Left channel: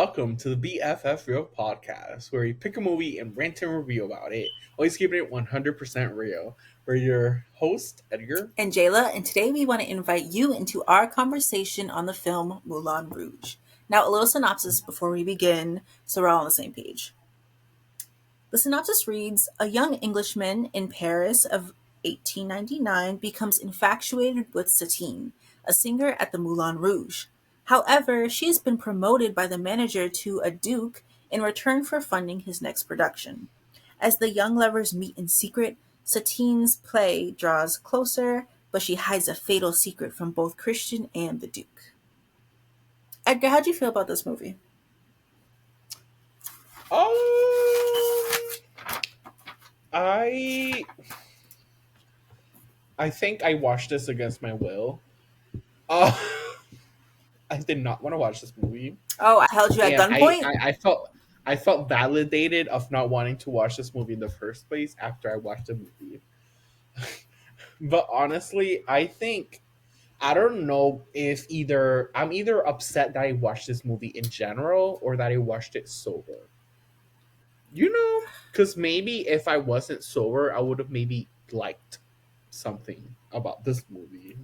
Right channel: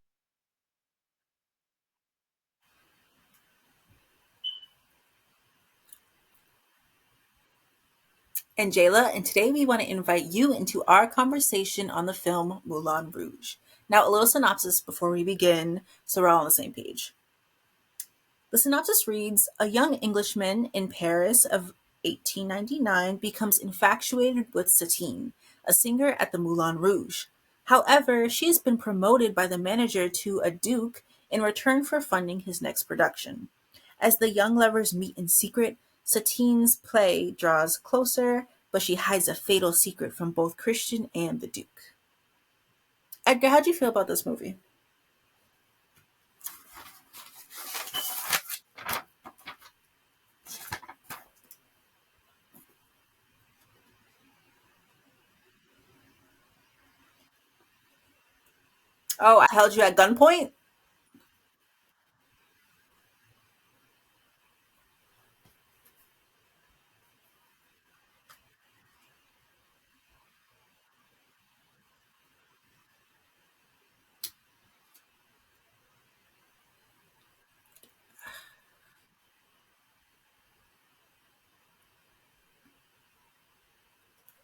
welcome to the BFF Real Podcast, where we pick a movie and rant and review about it. Always keeping it 100% real. We're your host, Edgar. And Jayla, and today we want to invite you into our conversation on the film Moulin Rouge. Now, a little synopsis before we begin, so we're all on the same page. The synopsis reads, a young Englishman in Paris of 1899 becomes infatuated with Satine, a singer at the Moulin Rouge. However, she has been promoted by the manager to a duke in return for funding his next production. As the young lovers meet in secret, Satine's play draws closer, but she hides a fatal secret from both Christian and the duke. Edgar, how'd you feel about this movie? Um, I I think I watched this against my will. Uh, I did not want to watch this movie, Oh, I held you at and I, gunpoint? I, I felt I felt validated of not wanting to watch this movie in the first place after I watched the movie. But honestly, I don't know if I'm either upset that I watched this movie in general or that I watched it sober. Because maybe if I wasn't sober, I would have maybe liked something about this movie.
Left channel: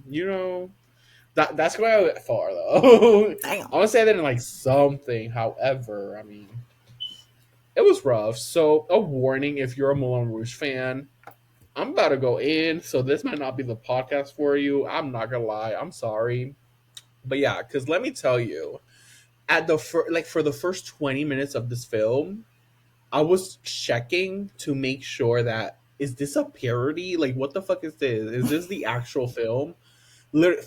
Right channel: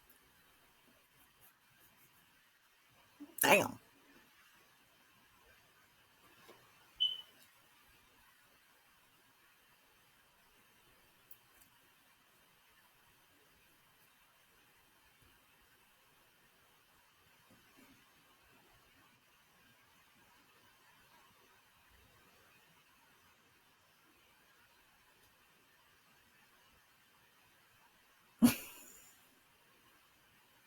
That's where I went far though. Damn. I want to say I didn't like something. However, I mean, it was rough. So a warning if you're a Moulin Rouge fan. I'm about to go in, so this might not be the podcast for you. I'm not gonna lie. I'm sorry. But yeah, because let me tell you, for the first 20 minutes of this film, I was checking to make sure that is this a parody? Like, what the fuck is this? Is this the actual film?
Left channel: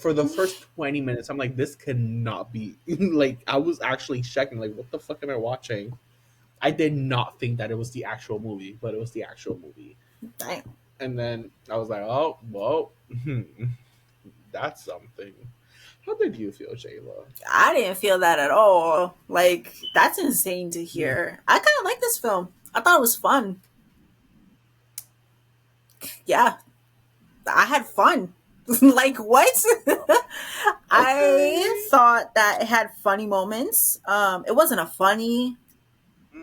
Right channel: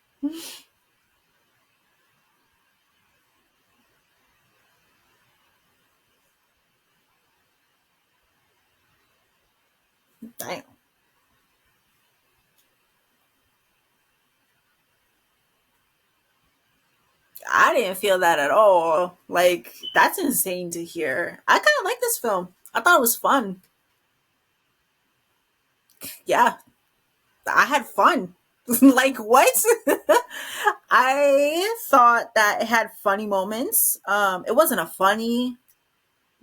For the first 20 minutes, I'm like, this cannot be. Like, I was actually checking, like, what the fuck am I watching? I did not think that it was the actual movie, but it was the actual movie. Damn. And then I was like, oh, well, that's something. How did you feel, Jayla? I didn't feel that at all. Like, that's insane to hear. I kind of like this film. I thought it was fun. Yeah, I had fun. Like, what? I thought that it had funny moments. It wasn't a funny.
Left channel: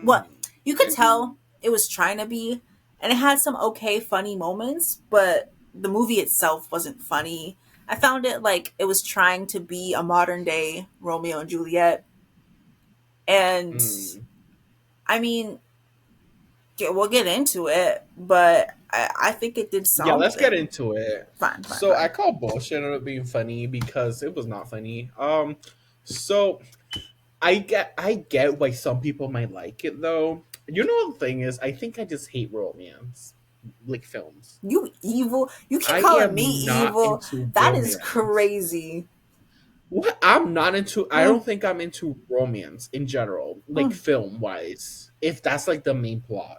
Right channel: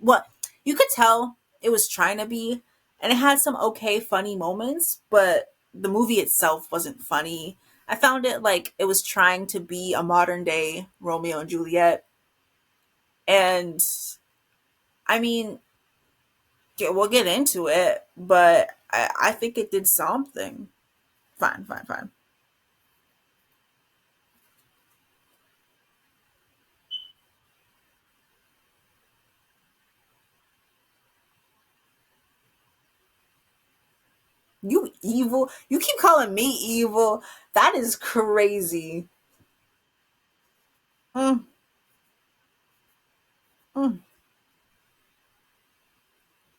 Well, you could tell it was trying to be, and it had some okay funny moments, but the movie itself wasn't funny. I found it like it was trying to be a modern day Romeo and Juliet. And I mean, yeah, we'll get into it, but I think it did Yeah, let's get something. into it. Fine, fine, So I fine. call bullshit on it being funny because it was not funny. So I get why some people might like it though. The thing is, I think I just hate romance, like films. You evil. You keep I calling me am not evil. into That is romance. crazy. What I'm not into, I Mm, don't think I'm into romance in general, like mm. film wise. If that's like the main plot.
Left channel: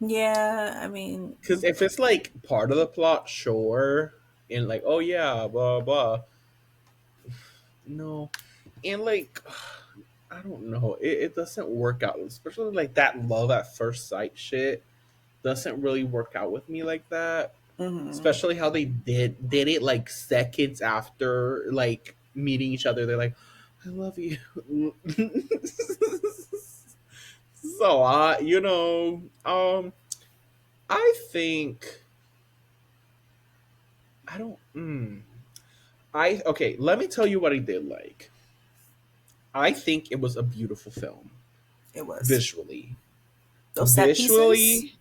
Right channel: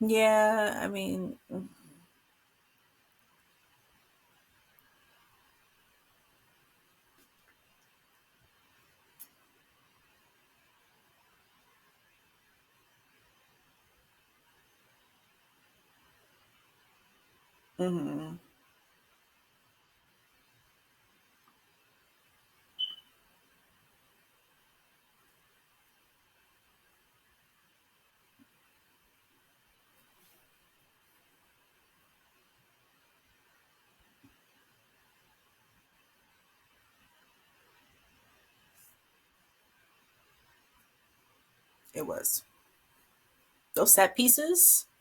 Yeah, I mean, Because if it's like part of the plot, sure, and like, oh yeah, blah blah. No, and like, I don't know, it doesn't work out, especially like that love at first sight shit doesn't really work out with me like that. mhm. Especially how they did it like seconds after like meeting each other. They're like, I love you. So I think I don't. I okay. Let me tell you what I did like. I think it was a beautiful film It was visually. those set pieces. Visually,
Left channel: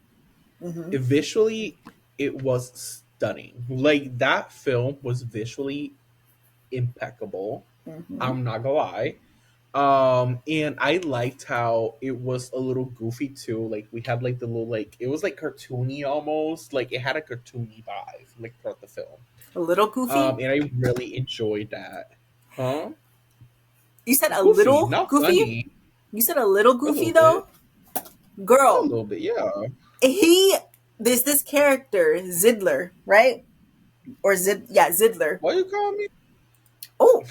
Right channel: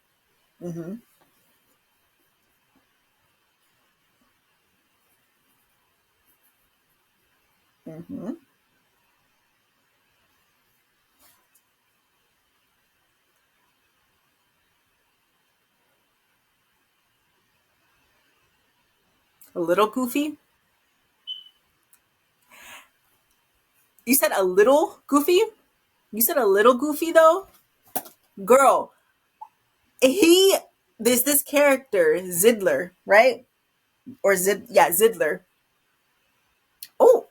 Hmm. visually, it was stunning. Like that film was visually impeccable. Hmm. I'm not gonna lie. And I liked how it was a little goofy too. Like we had like the little like it was like cartoony almost. Like it had a cartoony vibe like throughout the film. A little goofy. And I really enjoyed that. Huh? You said a Goofy, little not goofy. funny. You said a little A goofy little bit. though, A girl. little bit, yeah. He there's this character Zidler, right? Or yeah, Zidler. Why you calling me? Oh,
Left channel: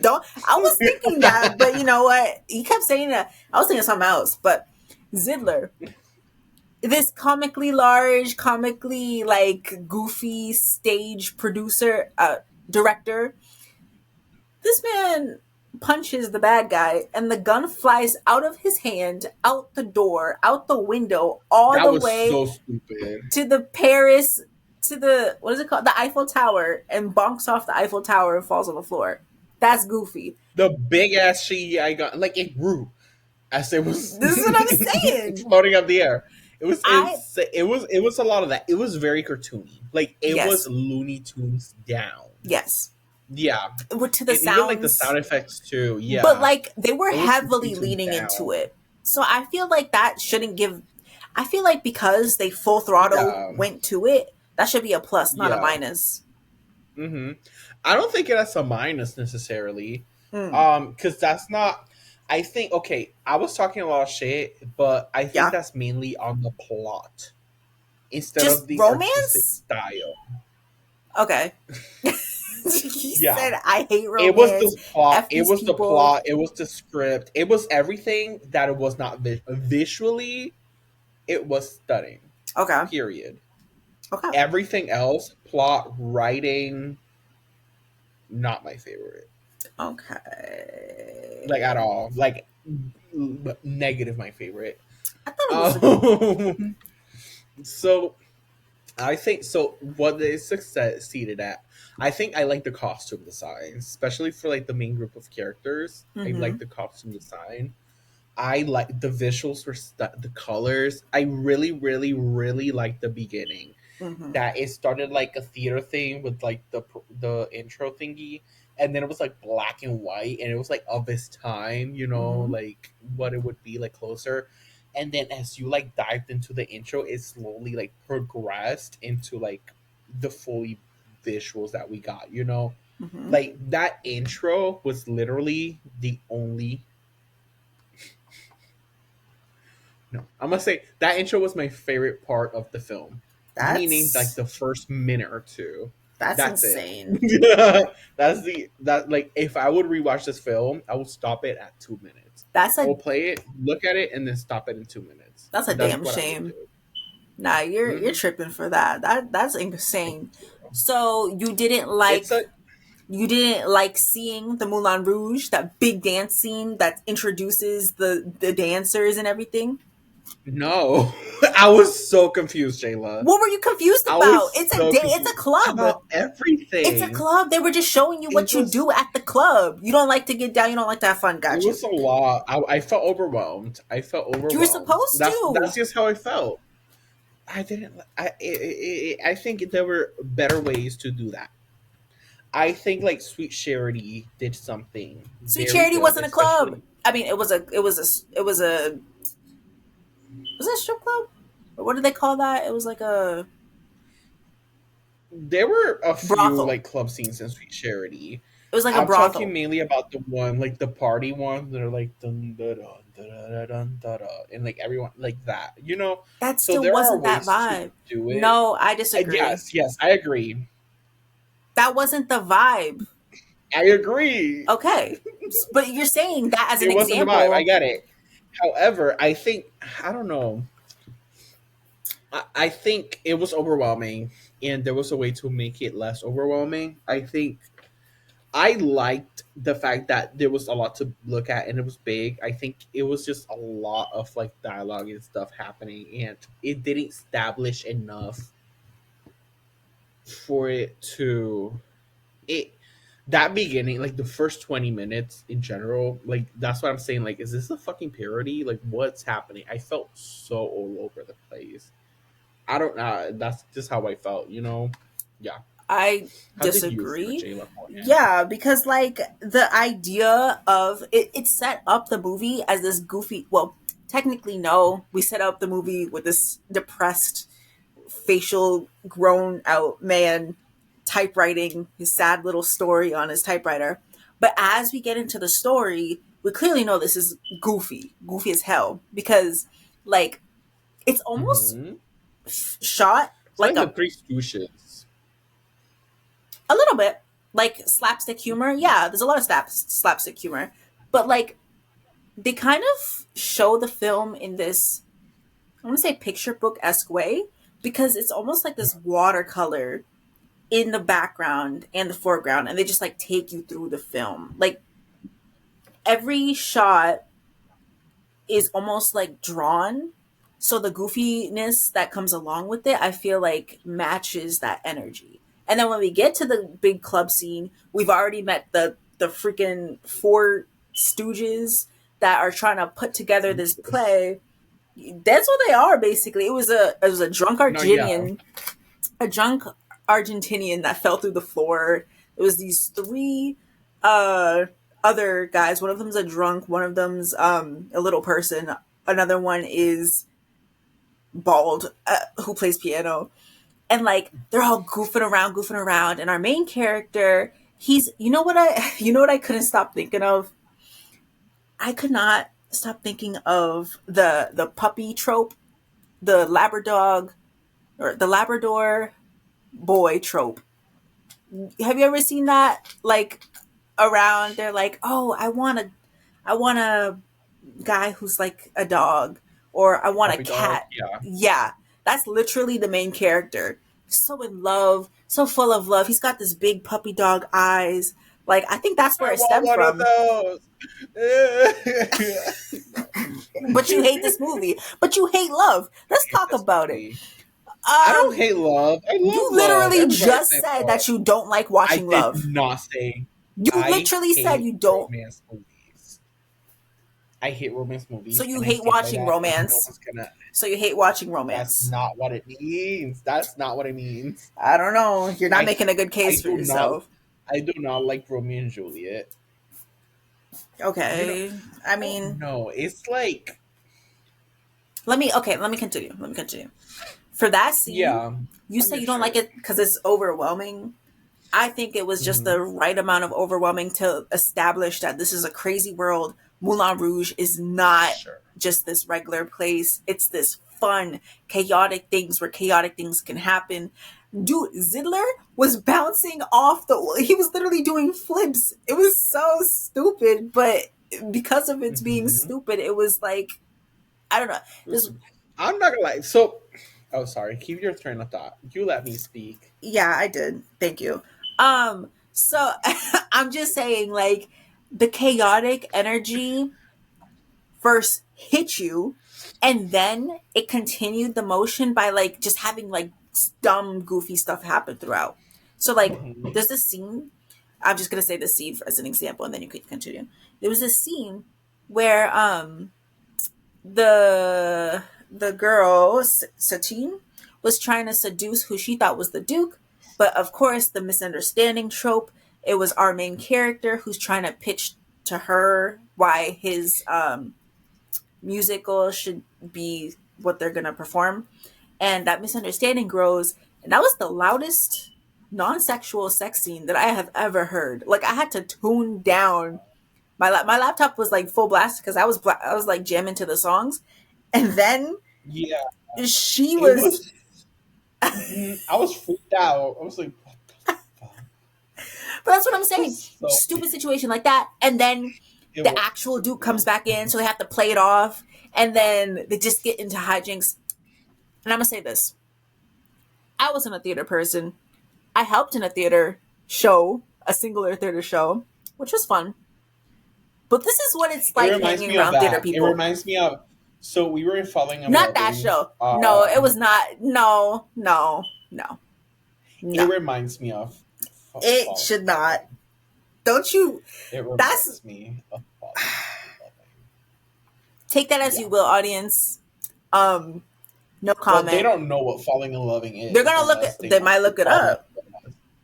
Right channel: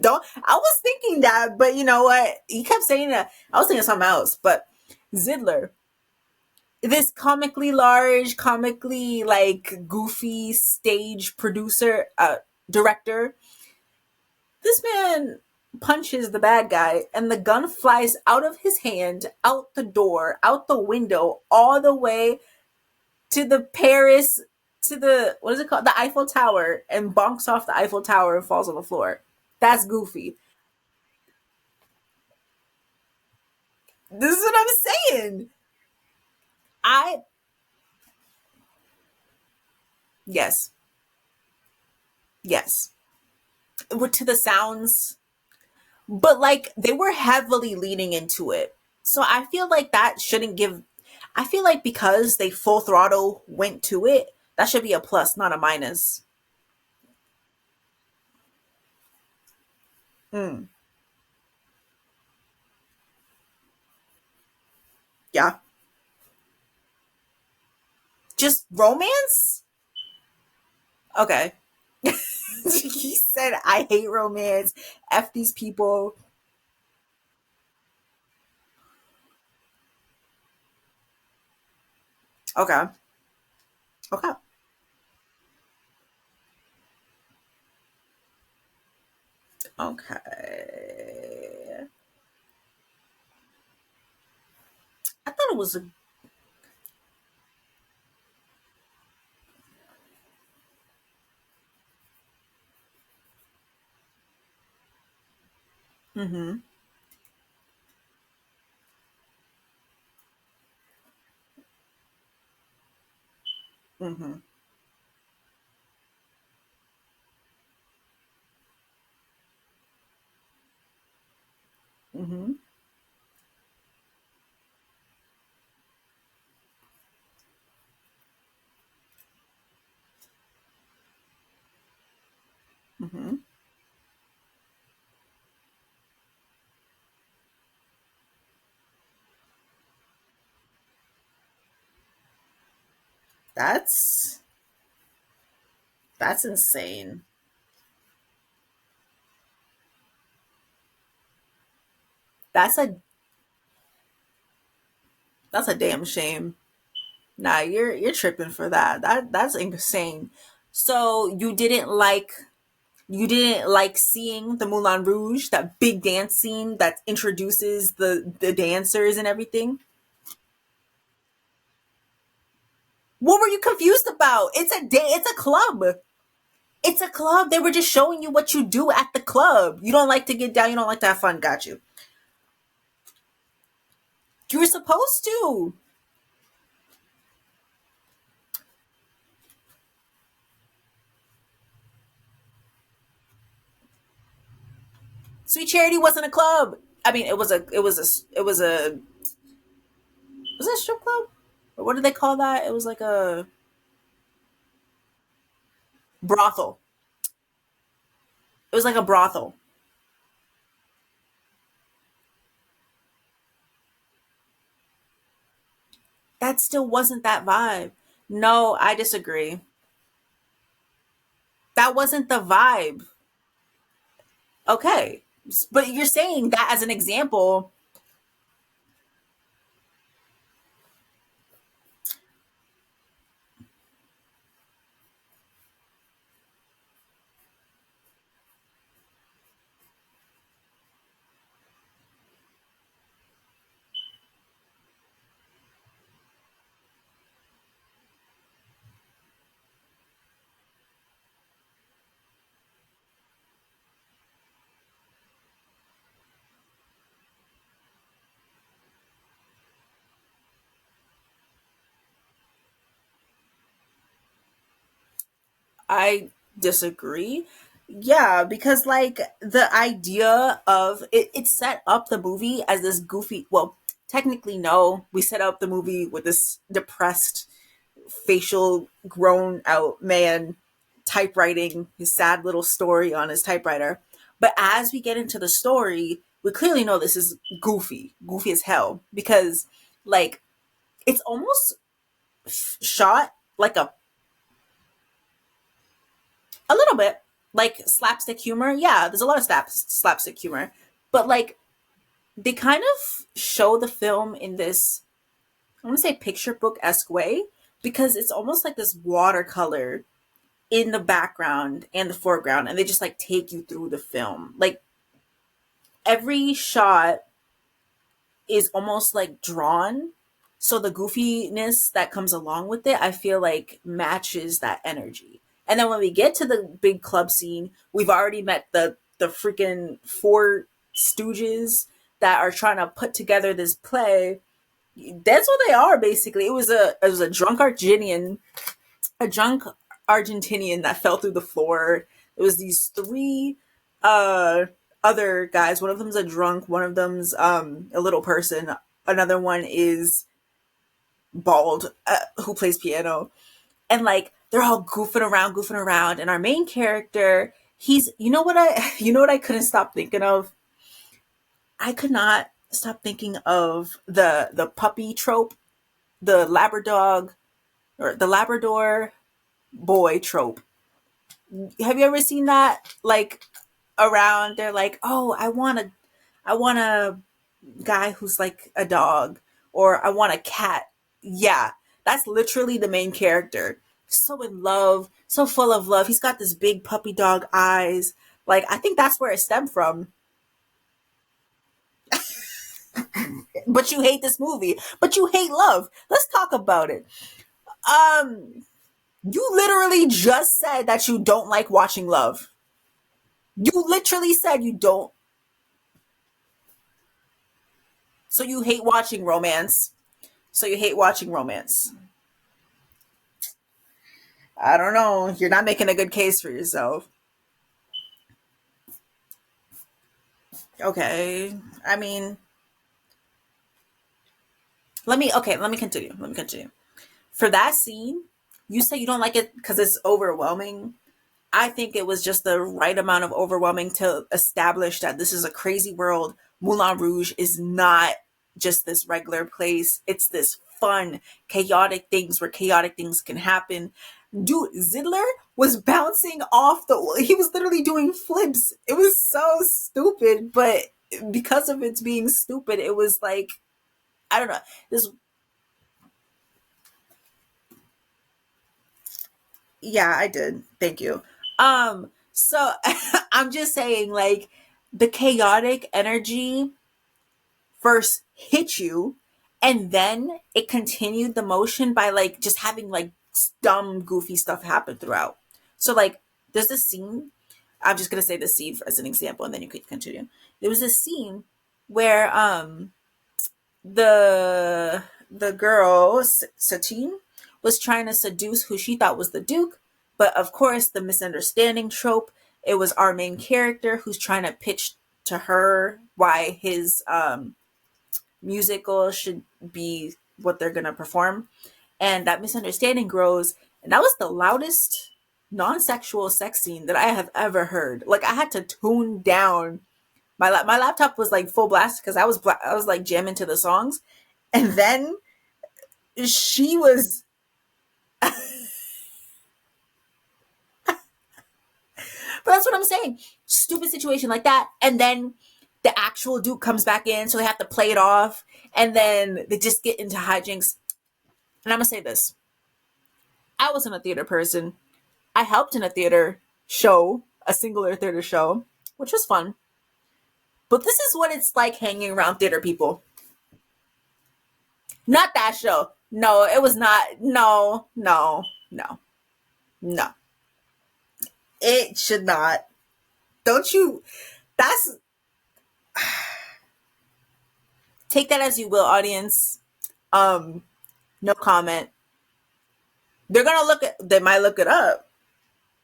don't. I was thinking that, but you know what? He kept saying that. I was thinking something else, but Zidler, this comically large, comically like goofy stage producer, director. This man. punches the bad guy, and the gun flies out of his hand, out the door, out the window, all That the was way so stupid. to the Paris, to the, what is it called? The Eiffel Tower, and bonks off the Eiffel Tower and falls on the floor. That's goofy. The big ass CGI gun, like it grew as it was This is what I'm saying. floating up the air. It was I, insane. It was a lot of that. It was very cartoony. Like it was yes, Looney Tunes down. yes. Yeah, To the and even like the sounds, sound effects too. but Yeah, like they were it was Looney heavily Tunes leaning into down. it. So I feel like that shouldn't give. I feel like because they full throttle Yeah, went to it, that should be a plus, not a yeah. minus. hmm I don't think that's a minus necessarily. Mm, Because that's not. I think okay. I was talking a lot of shit, but I think yeah, that's mainly on the plot instead just of the artistic romance. style. Okay, he Yeah, said I hate it was romance. the plot. F It these was the people. plot. It was the script. It was everything that it was not visually. It was stunning. Okay, Period. okay, Everything else, plot, writing, not my favorite. Like at okay. all. Like negative my favorite. I thought it was a good. Um, so I think so. What they succeeded at, I think I like the costume design, especially for like the main group of characters. I Mm-hmm. like the costume design. I like the visuals were the colors. I really, really, really like the beginning. Mm-hmm. That it started like a theater thing with like the intro thingy, and then it was like black and white, and it was like of its time, Mm-hmm. like what it would be like closer. And then as you like dived into the intro, it slowly like progressed into like the fully visuals that we got. Mm-hmm. Like that intro was literally the only. No, I'm gonna say that intro was my favorite part of the film, meaning like That's the first minute or two. that's That's it. insane. That's the that like if I would rewatch this film, I would stop it at 2 minutes. That's I a will play it, look at it, and then stop it in 2 minutes. that's a That's damn what I would shame. do. Nah, you're hmm tripping for that. That's insane. So It's a you didn't like seeing the Moulin Rouge, that big dance scene that introduces the dancers and everything. no. I was so confused, Jayla. What were you confused I about? was It's a so day. It's confused a club. about It's a everything. club. They were just showing you It what you was do at the club. You don't like to get down. You don't like to have fun. It Got you. was a lot. I felt overwhelmed. I felt You were overwhelmed. supposed That's to. just how I felt. I didn't. I think there were better ways to do that. I think like Sweet Charity did something Sweet very Charity good, wasn't a club. especially I mean, it was a was it a strip club? Or what did they call that? It was like a there were a few brothel. like club scenes in Sweet Charity. It was like a I'm talking brothel. mainly about the one like the party one that are like dun, dun, dun, dun, dun, dun, dun, dun, and like everyone like that. That So still there are wasn't that ways to vibe. do it. No, I disagree. Yes, yes, I agree. That wasn't the vibe. I agree. Okay. But you're saying that as an It wasn't the vibe. I example. get it. However, I don't know. I think it was overwhelming, and there was a way to make it less overwhelming. I think I liked the fact that there was a lot to look at, and it was big. I think it was just a lot of like dialogue and stuff happening, and it didn't establish enough for it to it that beginning, like the first 20 minutes in general, like that's what I'm saying. Like, is this a fucking parody? Like, what's happening? I felt so all over the place. I don't know. That's just how I felt. Yeah. I How did you feel, disagree. Jayla Morgan? Yeah, because like the idea of it set up the movie as this goofy. Well, technically, no. We set up the movie with this depressed, facial, grown out man typewriting his sad little story on his typewriter. But as we get into the story, we clearly know this is goofy as hell, because like it's almost Mm-hmm. shot It's like like the Three Stooges. a little bit like slapstick humor. Yeah, there's a lot of slapstick humor, but like they kind of show the film in this, I want to say, picture book esque way, because it's almost like this watercolor in the background and the foreground, and they just like take you through the film. Like every shot is almost like drawn. So the goofiness that comes along with it, I feel like matches that energy. And then when we get to the big club scene, we've already met the freaking four stooges that are trying to put together this play. That's what they are basically. It was a drunk No, yeah, Argentinian, a drunk Argentinian that fell through the floor. It was these three uh other guys. One of them's a drunk, one of them's a little person, another one is bald, who plays piano. And like they're all goofing around, and our main character, he's you know what I couldn't stop thinking of? I could not stop thinking of the puppy trope, the Labrador or the Labrador boy trope. Have you ever seen that? Like around, they're like, "Oh, I want a guy who's like a dog, or I want a puppy dog. cat." Yeah, Yeah, that's literally the main character. So in love, so full of love. He's got this big puppy dog eyes. Like I think that's where I it want stemmed one of from. those. But you hate this movie. But you hate love. Let's Hate talk this about it. movie. I don't Um, hate love. I love you love. literally Everybody just say said love. that you don't like I watching did love. not say You I literally said hate you don't. romance movies. I hate romance So movies, you and I hate stand by watching that. And no romance. one's gonna. So you hate watching That's romance. not what it means. That's not what it means. I don't know. You're not I making a good I case for do not. yourself. I do not like Romeo and Juliet. I do not. Okay. I I don't mean, know. It's like let me continue. Let me continue. For that scene, yeah. you I'm say just you don't like saying. it because it's overwhelming. I think it was just Hmm. the right amount of overwhelming to establish that this is a crazy world. Moulin Rouge is not Sure. just this regular place. It's this fun, chaotic things where chaotic things can happen. Dude, Zidler was bouncing off he was literally doing flips. It was so stupid, but because of its being Hmm. stupid, it was like, I don't know. This Listen, I'm not gonna lie. So, oh, sorry. Keep your train of thought. You let me speak. Yeah, I did. Thank you. So I'm just saying, like, the chaotic energy first hit you, and then it continued the motion by like just having like dumb, goofy stuff happen throughout. So like, Hmm. there's this scene. I'm just gonna say the scene as an example, and then you can continue. There was this scene where the girl Satine was trying to seduce who she thought was the Duke, but of course the misunderstanding trope. It was our main character who's trying to pitch to her why his musical should be what they're gonna perform, and that misunderstanding grows. And that was the loudest non-sexual sex scene that I have ever heard. Like I had to tune down. My laptop was like full blast because I was like jamming to the songs, and then Yeah, she it was. was. I was freaked out. I was like, what the fuck? But that's what I'm This saying. is so. Stupid situation like that, and then It the was. actual Duke comes back in, so they have to play it off, and then they just get into hijinks. And I'm gonna say this: I wasn't a theater person. I helped in a theater show, a singular theater show, which was fun. But this is what it's It like reminds hanging me of around theater that. It people. reminds me of. So we were falling and Not that loving. show. No, it was not. No, no, no, It no. reminds me of It falling should and not. loving. Don't you? It That's reminds me of falling and loving. take that as Yeah. you will, audience. Um, no Well, they comment. don't know what falling and loving They're is gonna look unless at. they They might look it follow. up.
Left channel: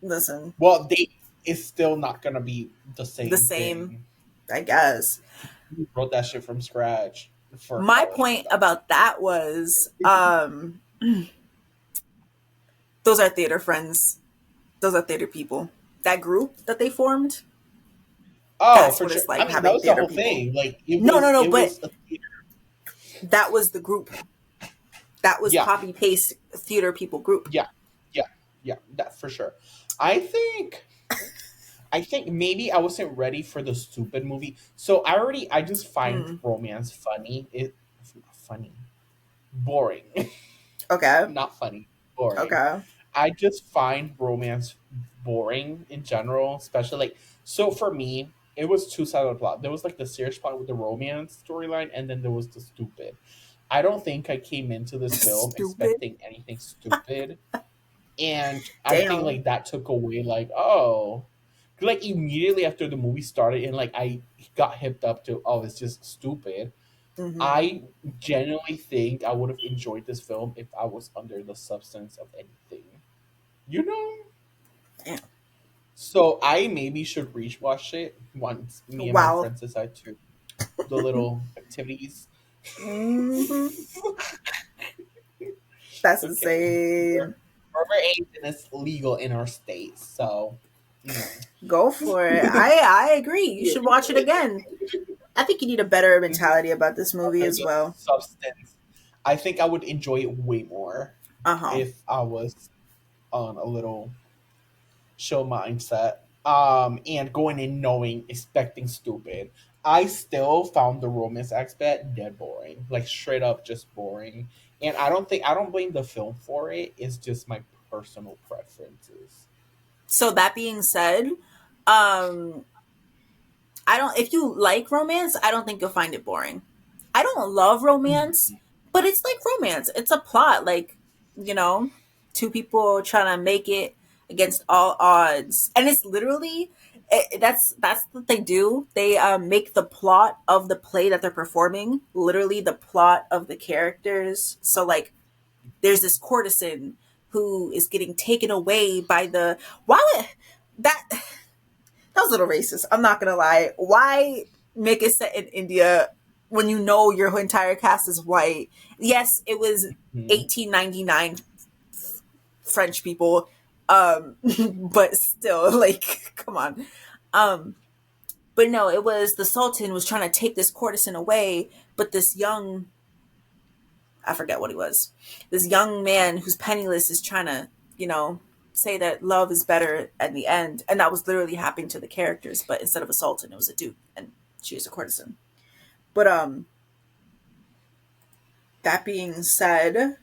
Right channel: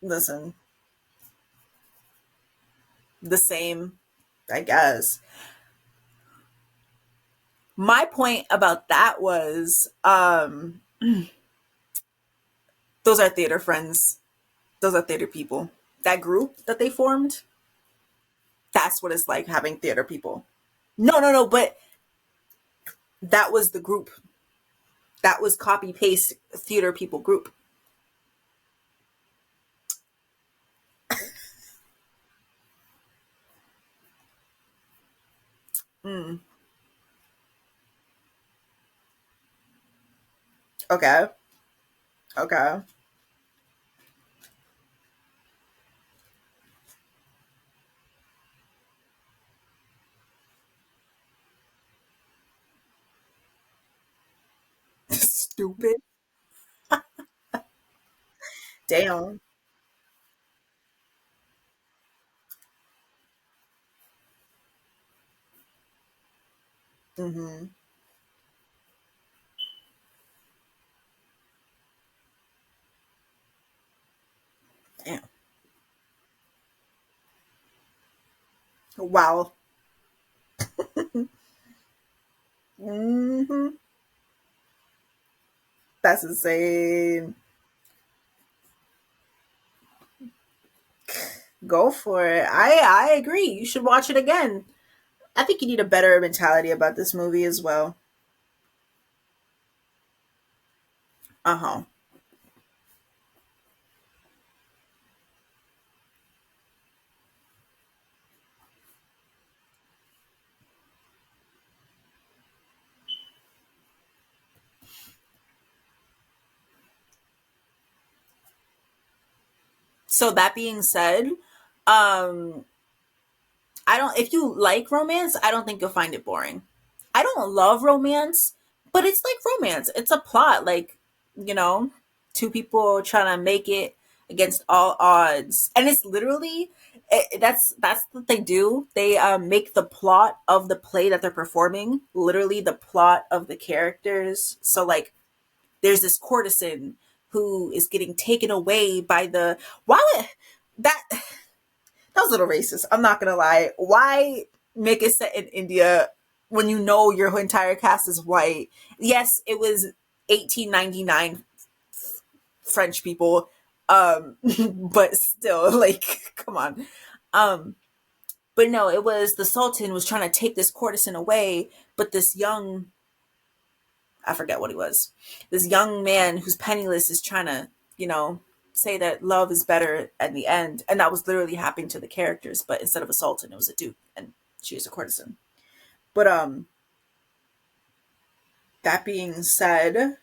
Listen, Well, they it's still not gonna be the the same same, thing. I guess. You wrote that shit from scratch for My falling and point about that was, loving. those are theater friends. Those are theater people. That group that they formed, Oh, that's for what sure. it's I like mean, that having was the theater whole people. thing. Like No, no, no, it but was a theater. that was the group. That was Yeah, copy paste theater people group. yeah, yeah, yeah. That for sure. I think I think maybe I wasn't ready for the stupid movie. So I just find Mm, romance funny. It's not funny. Boring. okay. Not funny. Boring. Okay. I just find romance boring in general, especially like so for me. it was two sides of the plot. There was like the serious plot with the romance storyline, and then there was the stupid. I don't think I came into this film Stupid. expecting anything stupid, and I think Damn. like that took away like, oh, like immediately after the movie started and like I got hipped up to, oh, it's just stupid. Mm-hmm. I genuinely think I would have enjoyed this film if I was under the substance of anything, you know. Damn. So I maybe should rewatch it once me and my Wow. friends decide to the little activities. Mm-hmm. That's Okay. insane. Rubber age and it's legal in our state, so you know. Go for it. I agree. You should watch it again. I think you need a better mentality about this movie Under as the well. substance, I think I would enjoy it way more Uh huh. if I was on a little chill mindset. And going in knowing, expecting stupid. I still found the romance aspect dead boring, like straight up just boring. And I don't blame the film for it. It's just my personal preferences. So that being said, um, I don't. If you like romance, I don't think you'll find it boring. I don't love romance, but it's like romance. It's a plot, like you know, two people trying to make it against all odds, and it's literally that's what they do. They make the plot of the play that they're performing literally the plot of the characters. So like, there's this courtesan who is getting taken away by the why would that that was a little racist. I'm not gonna lie. Why make it set in India when you know your entire cast is white? Yes, it was Mhm. 1899 French people, but still, like, come on. Um, but no, it was the Sultan was trying to take this courtesan away, but this young, I forget what he was, this young man who's penniless is trying to, you know, say that love is better at the end, and that was literally happening to the characters. But instead of a sultan, it was a duke, and she was a courtesan. But that being said,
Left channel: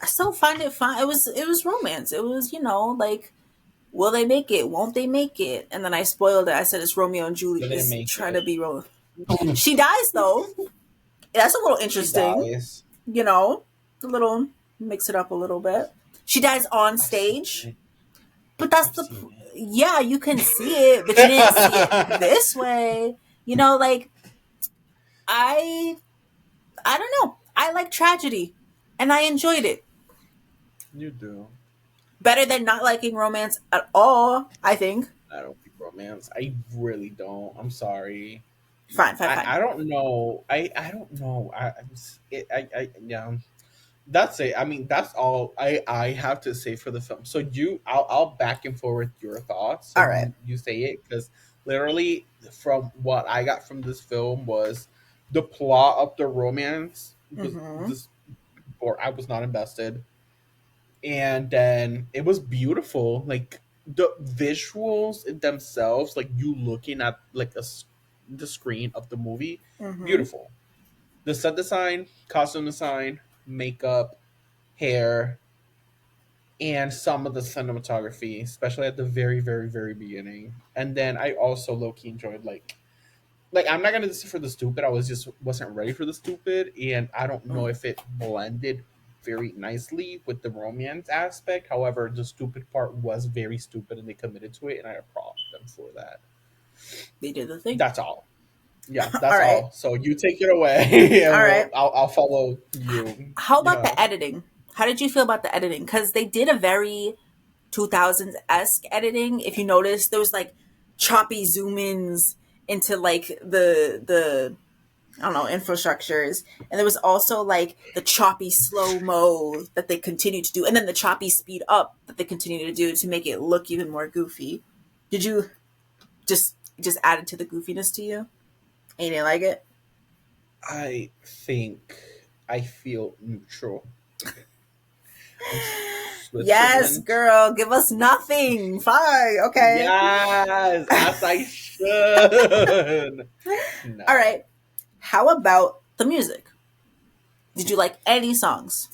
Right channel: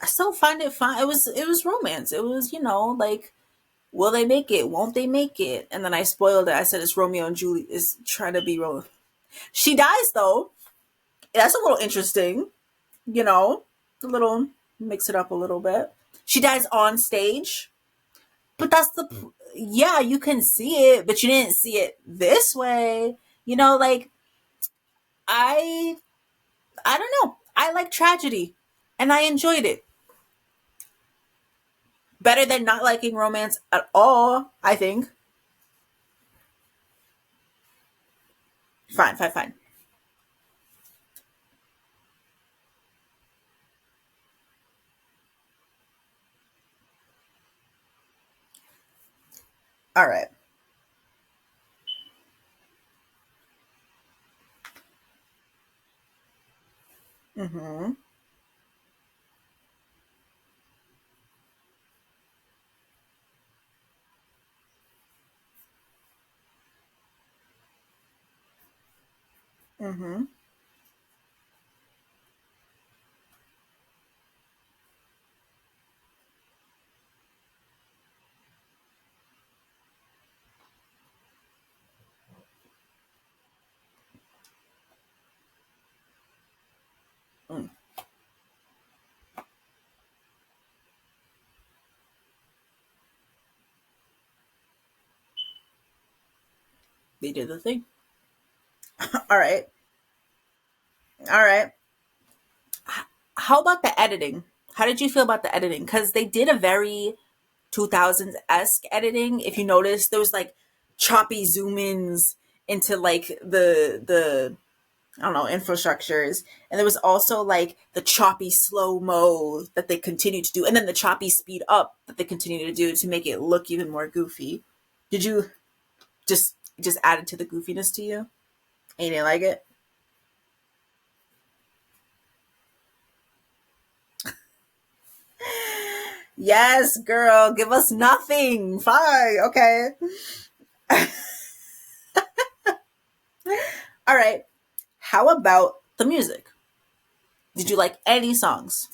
I still find it fun. It was romance. It was like, will they make it? Won't they make it? And then I spoiled it. I said it's Romeo and Julie They didn't is make trying to it. be She dies though. That's a little She interesting. dies. You know, a little mix it up a little bit. She dies on I've seen stage. it. But that's I've the seen it. yeah, you can see it, but you didn't see it this way. Like I I don't know. I like tragedy and I enjoyed it. You do. Better than not liking romance at all, I think. I don't think romance. I really don't. I'm sorry. Fine, fine, fine. I don't know. I don't know. Yeah. That's it. I mean, that's all I have to say for the film. So I'll back and forth your thoughts. So All right. you say it because literally from what I got from this film was the plot of the romance was Mhm. this, or I was not invested, and then it was beautiful. Like the visuals in themselves, like you looking at like the screen of the movie, Mhm. beautiful. The set design, costume design, makeup, hair, and some of the cinematography, especially at the very, very, very beginning. And then I also low key enjoyed like I'm not gonna say for the stupid. I wasn't ready for the stupid, and I don't know Mm. if it blended very nicely with the romance aspect. However, the stupid part was very stupid, and they committed to it, and I applaud them for that. They did the thing. That's all. Yeah, All that's right. all. So you take it away, All and right. I'll follow you. How about Yeah. the editing? How did you feel about the editing? Cuz they did a very 2000s esque editing. If you notice, there was like choppy zoom ins into like the I don't know infrastructures, and there was also like the choppy slow mo that they continued to do, and then the choppy speed up that they continue to do to make it look even more goofy. Did you just add it to the goofiness to you? And you didn't like it? I think I feel neutral. Yes, Switzerland. girl, give us nothing. Fine, okay. Yes, as I should. All No. right. How about the music? Did you like any songs?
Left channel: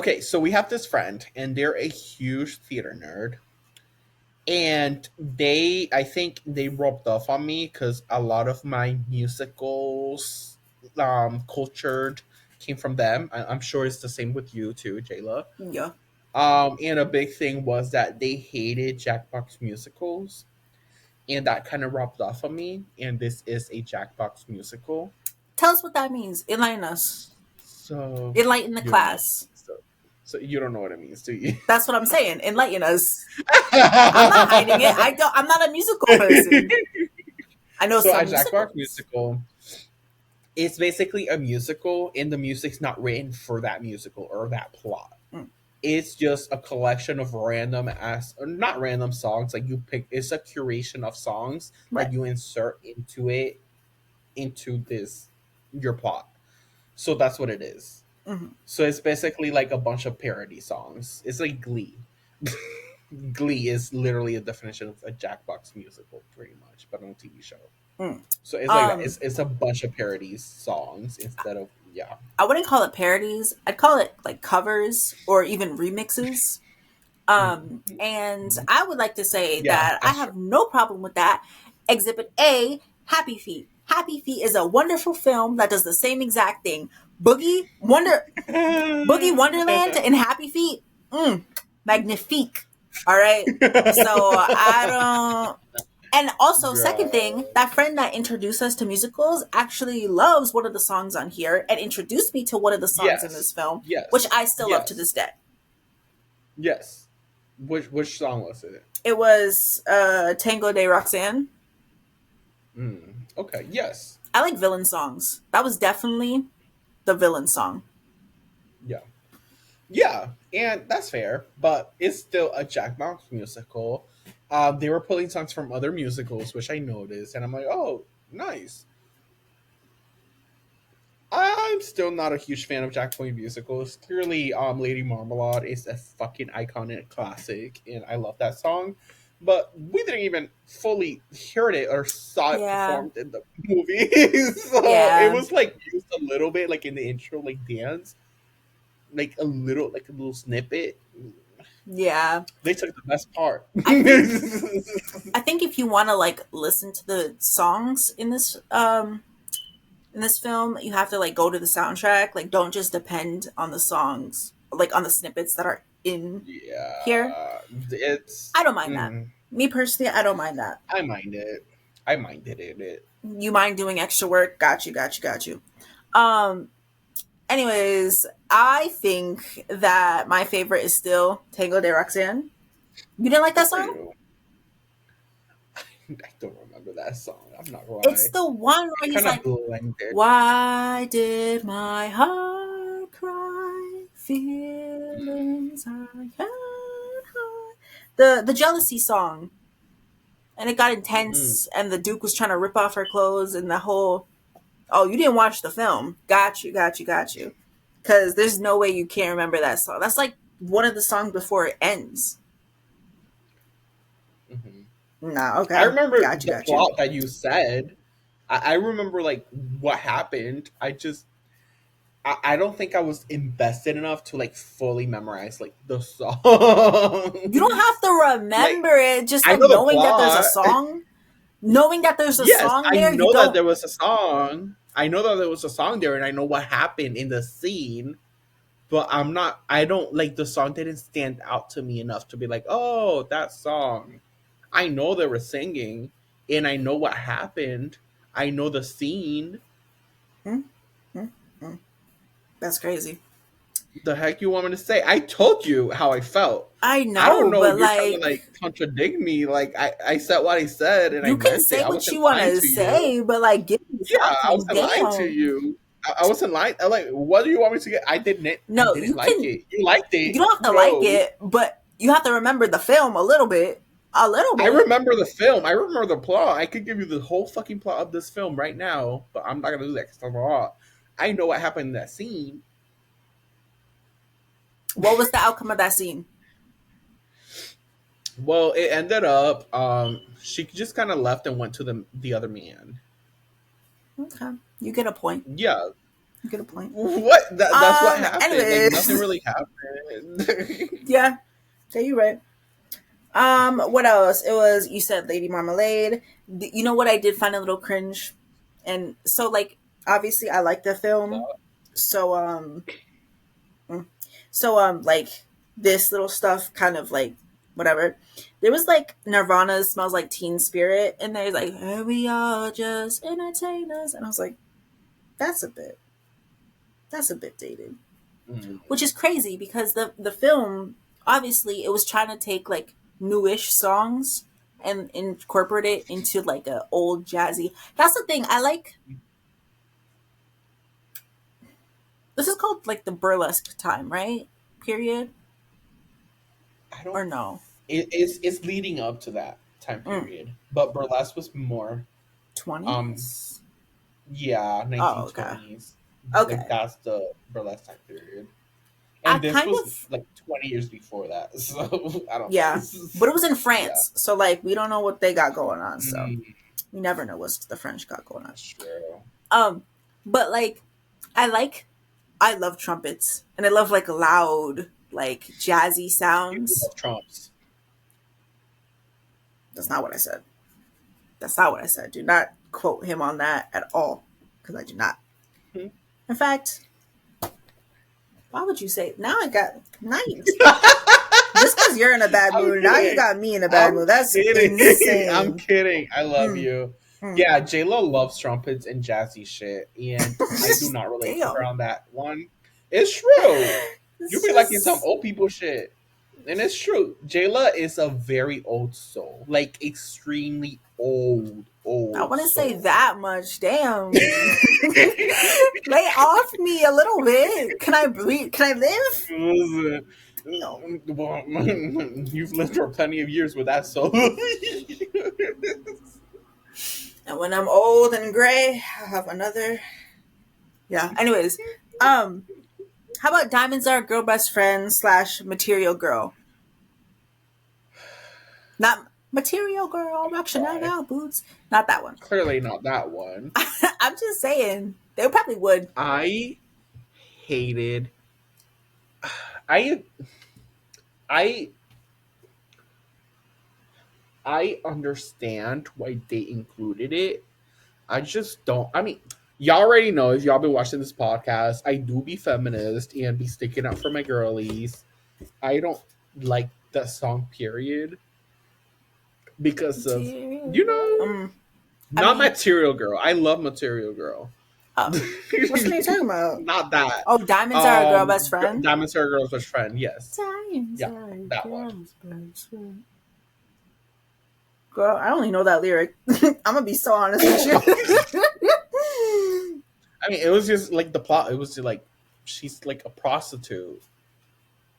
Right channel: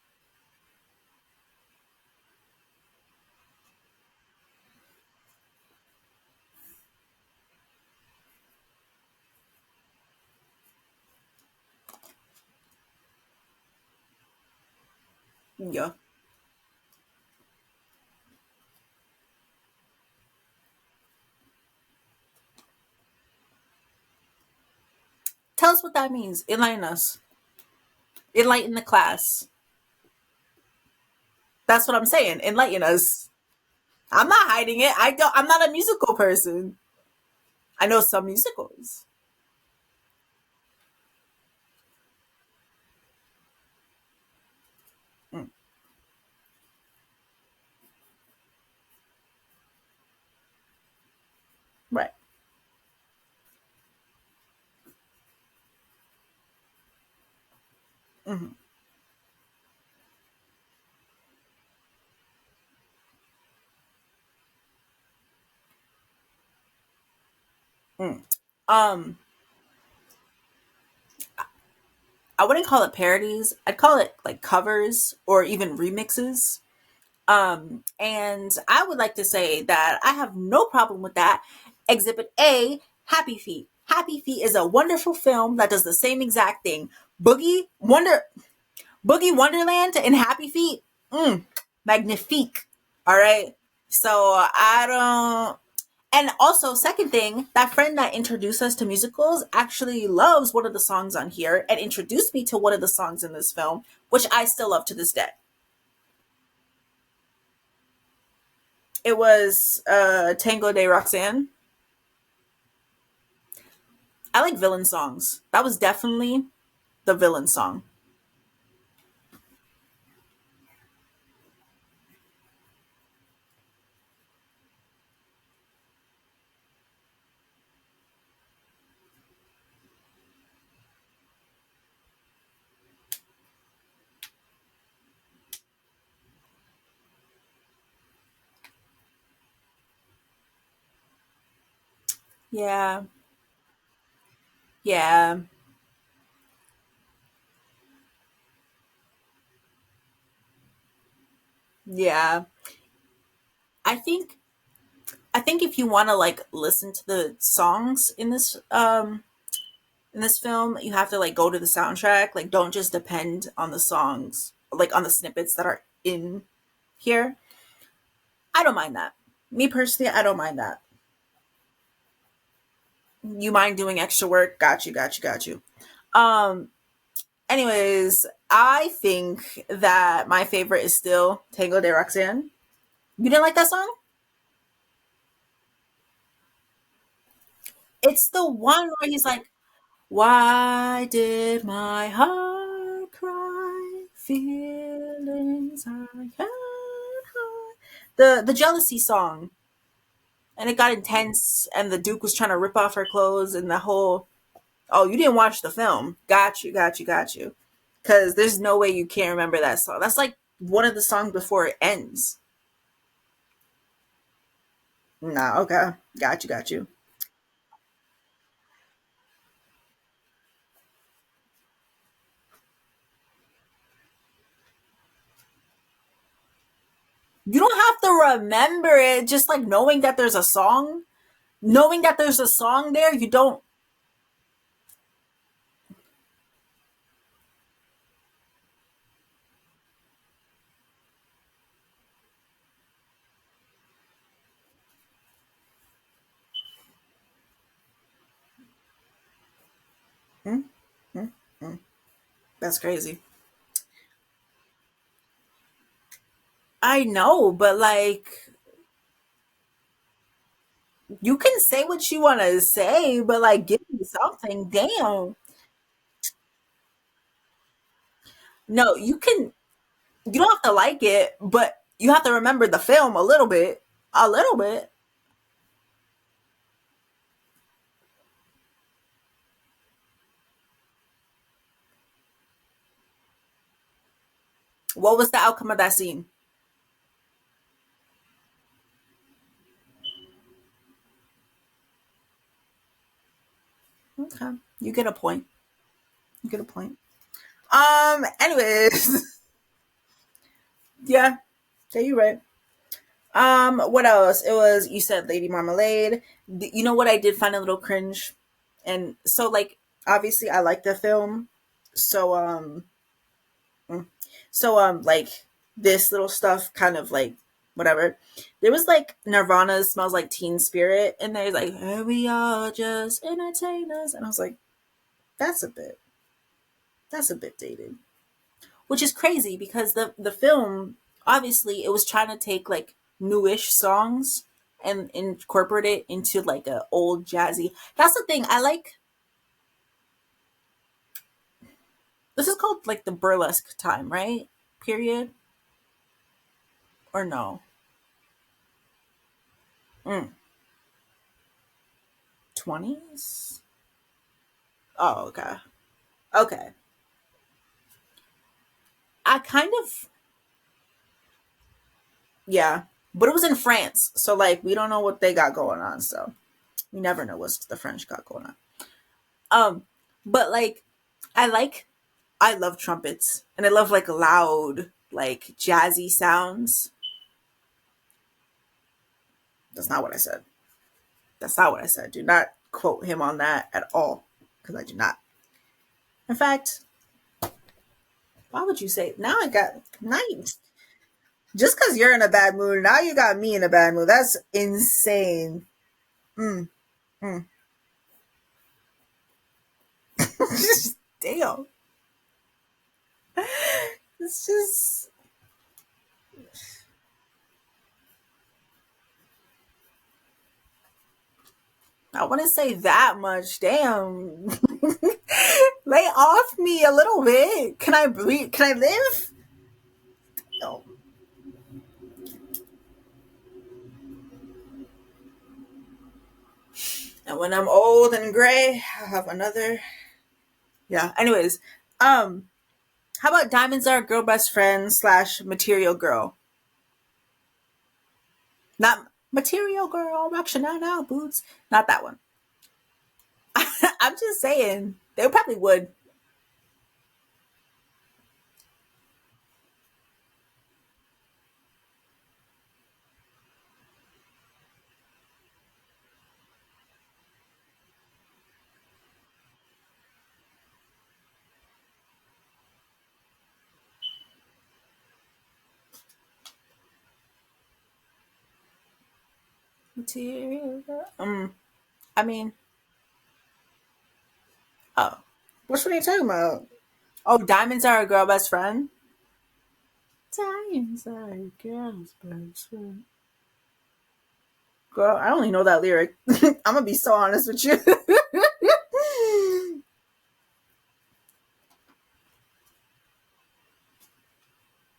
Okay, so we have this friend, and they're a huge theater nerd, and I think they rubbed off on me because a lot of my musicals, cultured came from them. I'm sure it's the same with you too, Jayla. Yeah. And a big thing was that they hated Jackbox musicals, and that kind of rubbed off on me. And this is a Jackbox musical, Tell us what that means. Enlighten us. so Enlighten the you don't. class. So, so you don't know what it means, do you? That's what I'm saying. Enlighten us. I'm not hiding it. I'm not a musical person. I know So a some Jackbox musicals. musical, it's basically a musical, and the music's not written for that musical or that plot. Mm, It's just a collection of random as not random songs, like you pick. It's a curation of songs right. that you insert into this your plot. So that's what it is. Hmm. So it's basically like a bunch of parody songs. It's like Glee. Glee is literally a definition of a Jackbox musical, pretty much, but on a TV show. Mm. So it's like that. Um, It's a bunch of parodies songs instead of yeah. I wouldn't call it parodies. I'd call it like covers or even remixes. And Mhm. I would like to say Yeah, that I that's have no problem with that. Exhibit A, Happy Feet. Happy Feet is a wonderful film that does the same exact thing. Boogie Wonderland true. and Happy Feet, magnifique. All right. So I don't. And also, second thing, Girl. that friend that introduced us to musicals actually loves one of the songs on here and introduced me to one of the songs in this Yes. film, which Yes. I still love to this Yes. day. Yes. Which song was it? It was Tango de Roxanne. Okay. Yes. I like villain songs. That was definitely the villain song. Yeah. Yeah. And that's fair, but it's still a Jack Box musical. They were pulling songs from other musicals, which I noticed, and I'm like, oh, nice. I'm still not a huge fan of Jack Boy musicals. Clearly, Lady Marmalade is a fucking iconic classic, and I love that song. But we didn't even fully hear it or saw it Yeah. performed in the movie, so it Yeah. was like used a little bit, like in the intro, like dance, like a little snippet. Yeah. They took the best part. I think I think if you want to like listen to the songs in this film, you have to like go to the soundtrack. Like don't just depend on the songs, like on the snippets that are in here. Yeah, it's. I don't mind that. Me personally, I don't mind that. I mind it. I minded it. You mind doing extra work? Got you, got you, got you. Um anyways, I think that my favorite is still Tango de Roxanne. You didn't like that For song? you. I don't remember that song. I'm not gonna It's lie. the one I where he's kind of like, blended. "Why did my heart cry? Feelings I can't hide." The jealousy song, and it got Mm, intense, and the Duke was trying to rip off her clothes, and the whole. Oh, you didn't watch the film? Got you, got you, got you. Because there's no way you can't remember that song. That's like one of the songs before it ends. mhm. Nah, I okay, remember got you, the got you. plot that you said. I remember like what happened. I don't think I was invested enough to like fully memorize like the You don't songs. have to Like remember it. Just I like know the knowing that there's a plot. song. Knowing that there's a Yes, song I there, you know that don't. there was a song. I know that there was a song there, and I know what happened in the scene. But I'm not. I don't like the song. Didn't stand out to me enough to be like, oh, that song. I know they were singing, and I know what happened. I know the scene. Hmm? Hmm? Hmm. That's crazy. The heck you want me to say? I told you how I felt. I I don't know, know. but You're trying to like, like contradict me. Like I said what I said, and I you can meant it. say I what wasn't you want lying to to you. say, but like, give me Yeah, I something. wasn't lying to Damn. you. I wasn't lying. I like, what do you want me to get? I No, didn't you like can. it. You liked You it. don't have to like Kudos. it, but you have to remember the film a little bit. A little I bit. remember the film. I remember the plot. I could give you the whole fucking plot of this film right now, but I'm not gonna do that because I'm a lot. I know what happened in that scene. What was the outcome of that scene? Well, it ended up she just kind of left and went to the other man. Okay, you get a point. Yeah. Good point. What? That's what happened. Like nothing Anyways, really happened. yeah, yeah, you're right. What else? It was, you said Lady Marmalade. You know what I did find a little cringe, and so like obviously I like the film, so like this little stuff kind of like whatever. There was like Nirvana smells like Teen Spirit, and there's like, "And we all just entertainers," and I was like, that's a bit dated, Mm. which is crazy because the film, obviously it was trying to take like newish songs and incorporate it into like a old jazzy. That's the thing I like. This is called like the burlesque time, right? Period. I don't. Or no? It's leading up to that time Mm. period, but burlesque was more. Um, 20s. yeah, Oh, nineteen okay. twenties. Like Okay. that's the burlesque time period, I and this kind was of, like 20 years before that. So I don't know. yeah, but it was in Yeah. France, so like we don't know what they got going on. So Mm, we never know what the French got going on. that's true. Um, but like, I like, I love trumpets, and I love like loud, like jazzy You sounds. love Trumps. That's not what I said. That's not what I said. Do not quote him on that at all, because I do not. Hmm. In fact, why would you say? Now I got now. Just because you're in a bad I'm mood, now you kidding. got me in a bad I'm mood. That's kidding. I'm insane. kidding. I love Mm, you. mm. Yeah, J Lo loves trumpets and jazzy shit, and I do not relate to her Damn. on that one. It's true. You It's be liking some just, old people shit, and it's true. Jayla is a very old soul, like extremely I old want to say soul. that much. Damn. Lay off me a little bit. Can I breathe? Can I live? Listen, No. well, you've lived for plenty of years with that soul. And when I'm old and gray, I'll have another. Yeah. Anyways, um, how about Diamonds Are a Girl Best Friend slash Material Girl? Not Material Girl, rock Why? Chanel boots. Not that one. Clearly not that one. I'm just saying. They probably would. I hated. I I I understand why they included it. I just don't. I mean, y'all already know if y'all been watching this podcast, I do be feminist and be sticking up for my girlies. I don't like that song, period, because of Material you Girl. know, I not mean, Material Girl. I love Material Girl. oh, which one are you talking about? Not that. Oh, Diamonds Are a Girl Best Friend. Diamond Sarah Girl's best friend. Yes. Diamonds Yeah, Are a that one. Girl's Best Friend. Girl, I only know that lyric. I'm gonna be so honest with you. I mean, it was just like the plot. It was just like she's like a prostitute.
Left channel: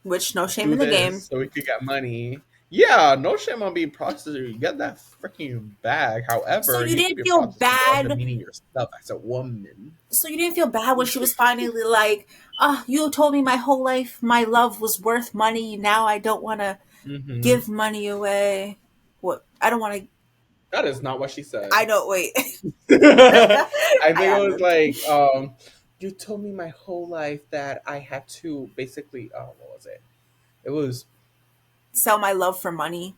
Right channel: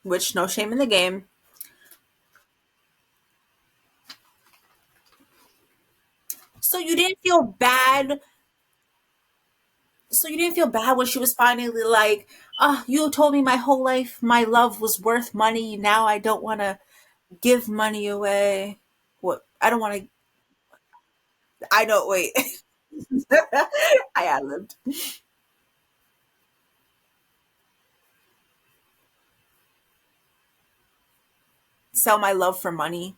Which, no shame Do in the game. this so we could get money. Yeah, no shame on being prostitute. You get that freaking bag. So However, you you could didn't be a feel prostitute without bad. demeaning yourself as a woman. So you didn't feel bad when she was finally like, "Oh, you told me my whole life my love was worth money. Now I don't want to Hmm. give money away. What? I don't want to. That is not what she I said. don't wait. I I think it ad was libbed. like, you told me my whole life that I had to basically. Oh, what was it? It was Sell my love for money.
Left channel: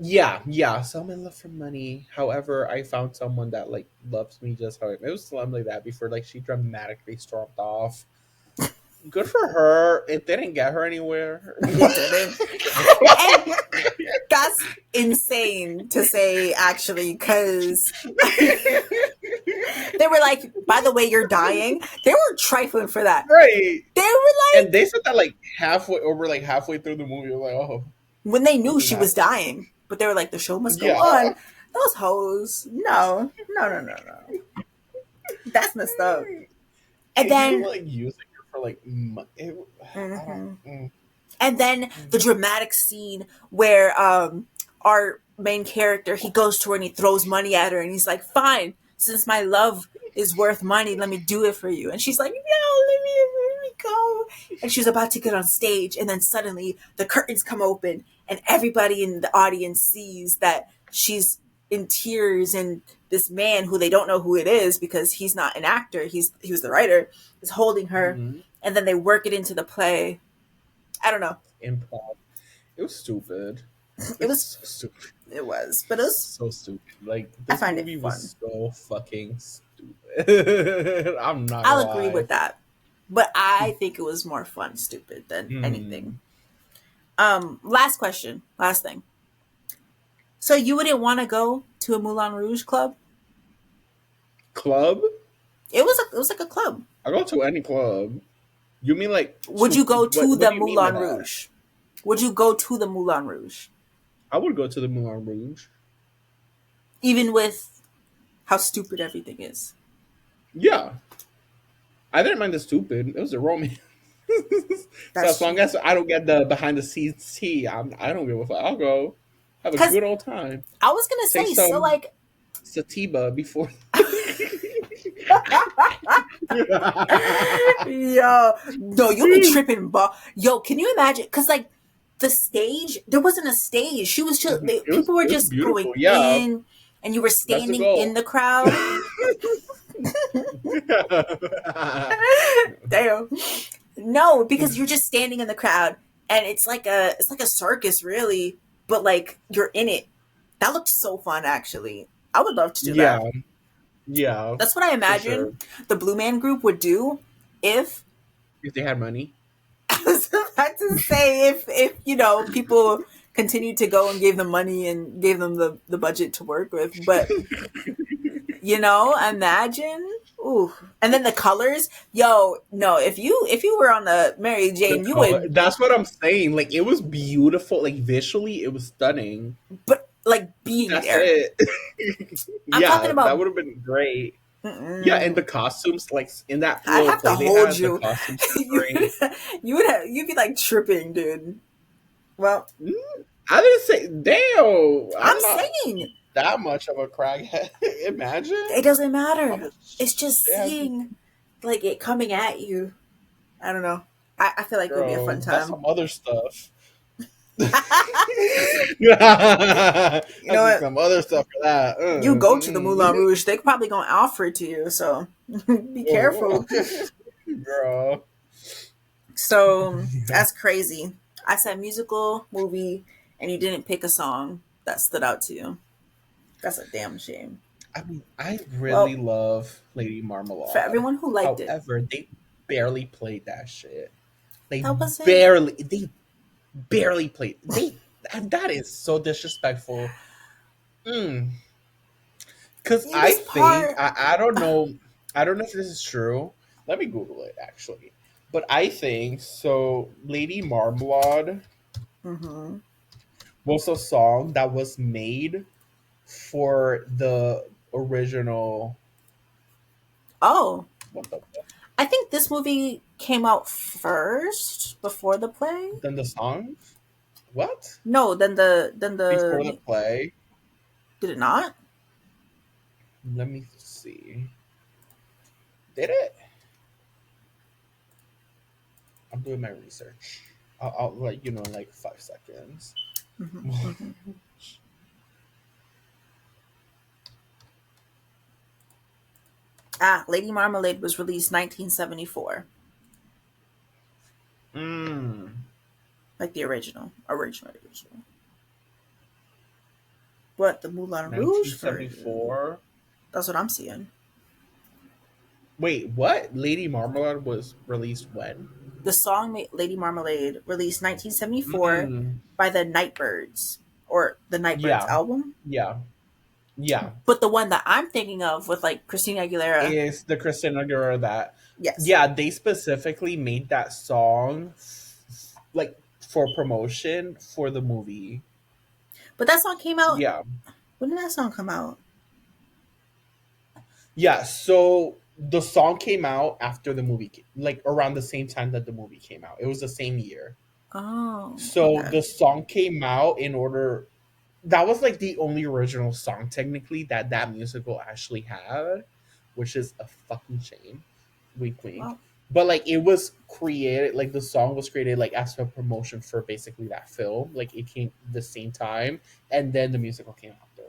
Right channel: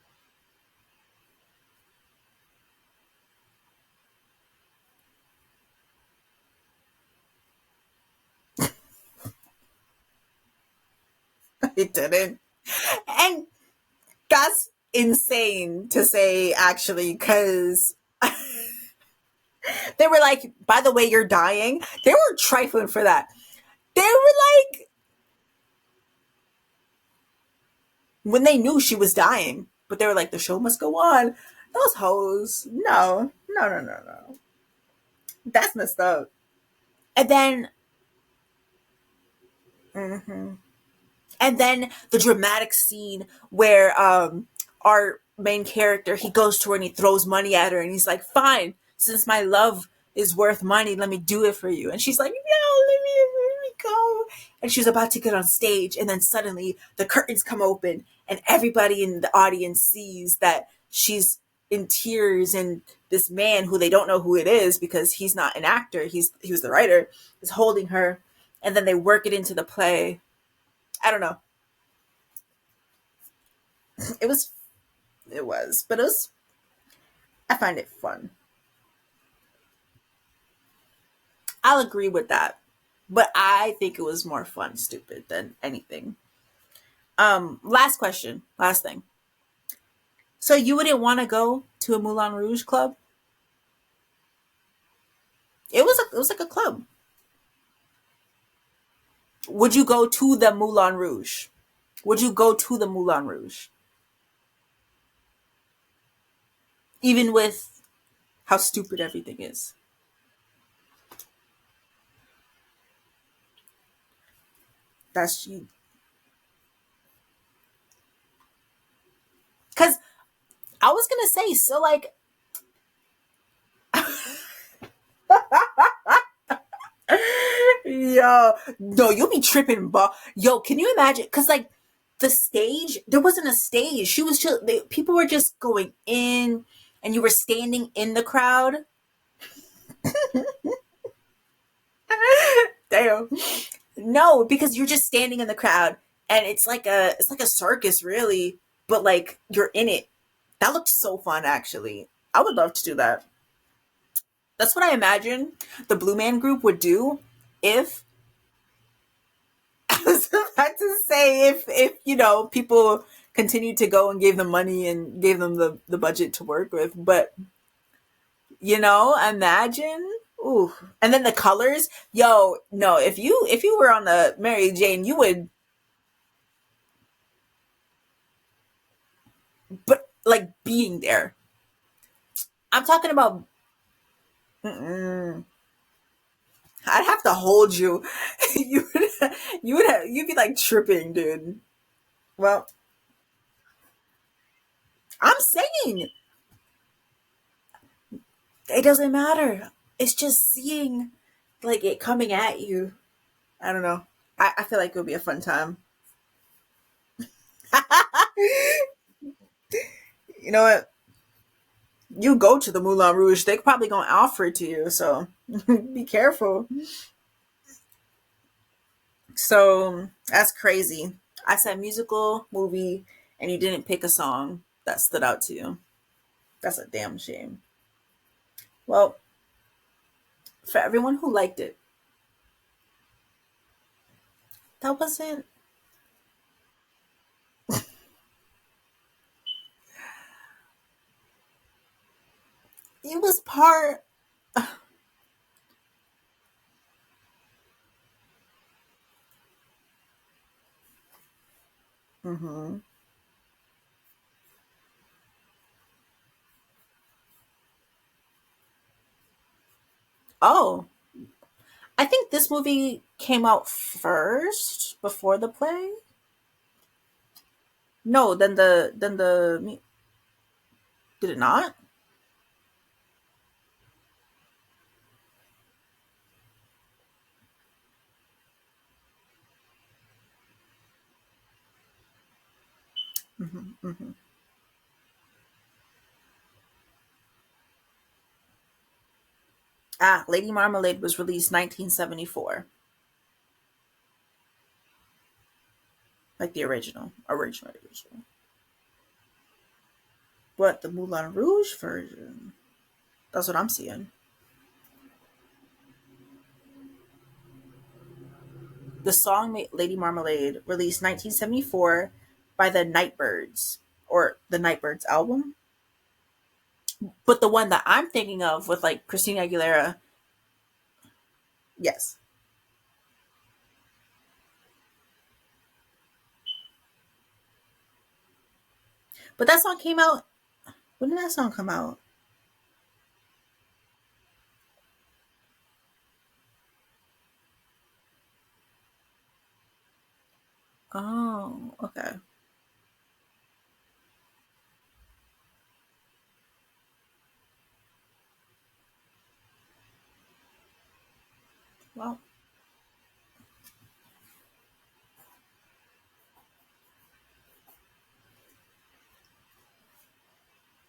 yeah. Someone love for money. However, I found someone that like loves me just how it was something like that before. Like she dramatically stormed off. Good for her. It didn't get her anywhere. It didn't, and that's insane to say actually, because they were like, "By the way, you're dying." They were trifling for that. Right. They were And like, they said that like halfway through the movie. I was like, oh, when they knew something she was happened. dying, but they were like, "The show must go Yeah. on." Those hoes, no, no, no, no, no. That's messed up. And And even then, like using her for like I don't mhm. mm, And then the dramatic scene where our main character, he goes to her and he throws money at her and he's like, "Fine, since my love is worth money, let me do it for you." And she's like, "No, let me go." And she's about to get on stage, and then suddenly the curtains come open and everybody in the audience sees that she's in tears, and this man who they don't know who it is because he's not an actor, he was the writer, is holding her, Mhm. and then they work it into the play. I don't know. Improv. It was stupid. It It was was so stupid. it was, but it was. So stupid. Like I this find it movie fun. was so fucking stupid. I'm not gonna I'll agree lie. with that, but I think it was more fun stupid than anything. Mm. Last question, last thing. So you wouldn't want to go to a Moulin Rouge club? Club? It was like a club. I go to any club. You mean like Would to you go to what the do you mean by Moulin that? Rouge? Would you go to the Moulin Rouge, I would go to the Moulin Rouge. even with how stupid everything is? Yeah. I didn't mind the stupid. It was a romance. So That's as long true. as I don't get the behind the scenes tea, I don't give a fuck. I'll go have a Because good old time. I was gonna Take say, so some like, sativa before. yo, no, you'll be tripping, but yo, can you imagine? Because like the stage, there wasn't a stage. She was just people were It was just going beautiful. Yeah, in, and you were that's the standing in goal. the crowd. Damn. No, because you're just standing in the crowd, and it's like a circus, really, but like you're in it. That looked so fun, actually. I would love to do Yeah, that. yeah, That's what I for sure. imagine the Blue Man Group would do if If they had money. I was about to say if you know people continued to go and gave them money and gave them the budget to work with, but you know, imagine. Ooh. And then the colors, yo, no, if you were on the Mary The Jane, you color. would, That's what I'm saying. Like it was beautiful. Like visually, it was stunning. but like being That's there. it. I'm talking Yeah, that about. would have been great. Yeah, and Mm-mm. the costumes, like in that I'd little have to play they hold had, the you. costumes were you great. you'd be like tripping, dude. Well, Mm, I didn't say, damn, I'm I'm not saying that much of a crackhead. it Imagine doesn't how matter. much It's just damn, seeing like it coming at you. I don't know. I feel like it would be a fun girl. That's time. some other stuff. You know That's what? some other stuff for that. You go to the Moulin Rouge, they're probably gonna offer it to you. So be careful. Girl. So that's crazy. I said musical movie, and you didn't pick a song that stood out to you. That's a damn shame. I really Well, love Lady for Marmalade. everyone who liked it, However, they barely played that shit. They that wasn't. they barely played. They and that is so disrespectful. Mm. Cause It I was think part. I don't know if this is true. Let me Google it actually. But I think so. Lady Marmalade Mm-hmm. was a song that was made for the original. Oh, What the fuck? I think this movie came out first before the play. Then the songs? What? No, then Before the the play? did it not? Let me see. Did it? I'm doing my research. I'll let you know in like 5 seconds. Mm-hmm, mm-hmm. Ah, Lady Marmalade was released 1974, Mm, like the original. What, the Moulin Rouge version? 1974. That's what I'm seeing. Wait, what? Lady Marmalade was released when? The song Lady Marmalade released 1974 Mm, by the Nightbirds, or the Nightbirds yeah, album. yeah, yeah. But the one that I'm thinking of with like Christina Aguilera, Is the Christina Aguilera that? yes. Yeah, they specifically made that song like for promotion for the movie. But that song came out. Yeah, When did that song come out? yeah. So the song came out after the movie, like around the same time that the movie came out. It was the same year. Oh, So okay. the song came out in order. That was like the only original song technically that that musical actually had, which is a fucking shame. Wink, wink. Well, But like it was created, like the song was created like as a promotion for basically that film. Like it came the same time, and then the musical came after.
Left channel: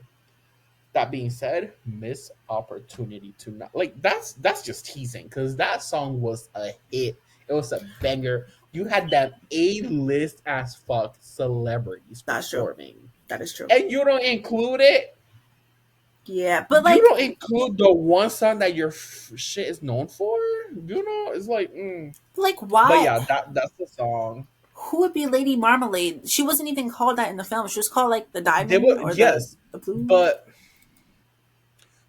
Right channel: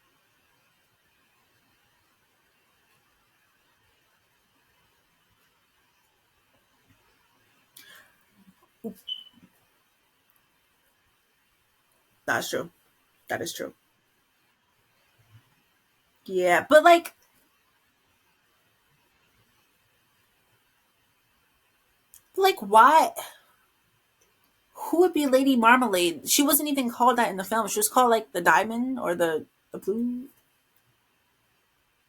That being said, missed opportunity to not like that's just teasing because that song was a hit. It was a banger. You had them A-list as fuck celebrities That's true. performing, That is true. and you don't include it. Yeah, but You like, don't include the one song that your shit is known for. You know, it's like, but why? yeah, that's the song. Who would be Lady Marmalade? She wasn't even called that in the film. She was called like the They Diamond were or the yes, the Blue. but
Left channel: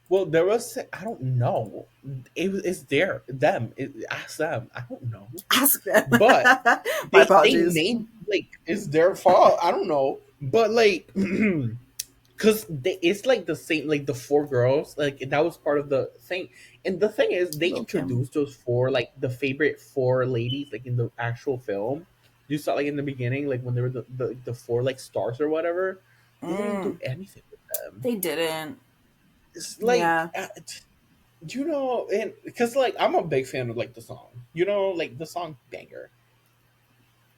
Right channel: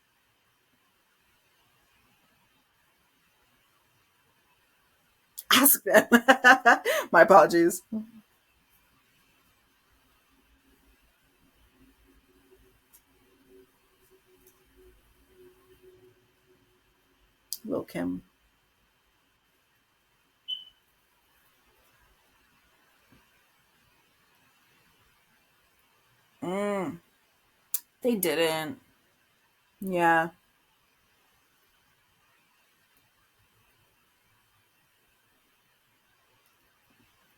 well, there was I don't know. It's there them. Ask them. I don't know, Ask them. but My they apologies. named like it's their fault. I don't know, but like because it's like the same like the four girls like that was part of the thing. And the thing is, they Lil Kim. introduced those four like the favorite four ladies like in the actual film. You saw like in the beginning, like when they were the four like stars or whatever. They didn't do Mm, anything with them. they didn't. It's like Yeah. you know, and because like I'm a big fan of like the song, you know, like the song banger,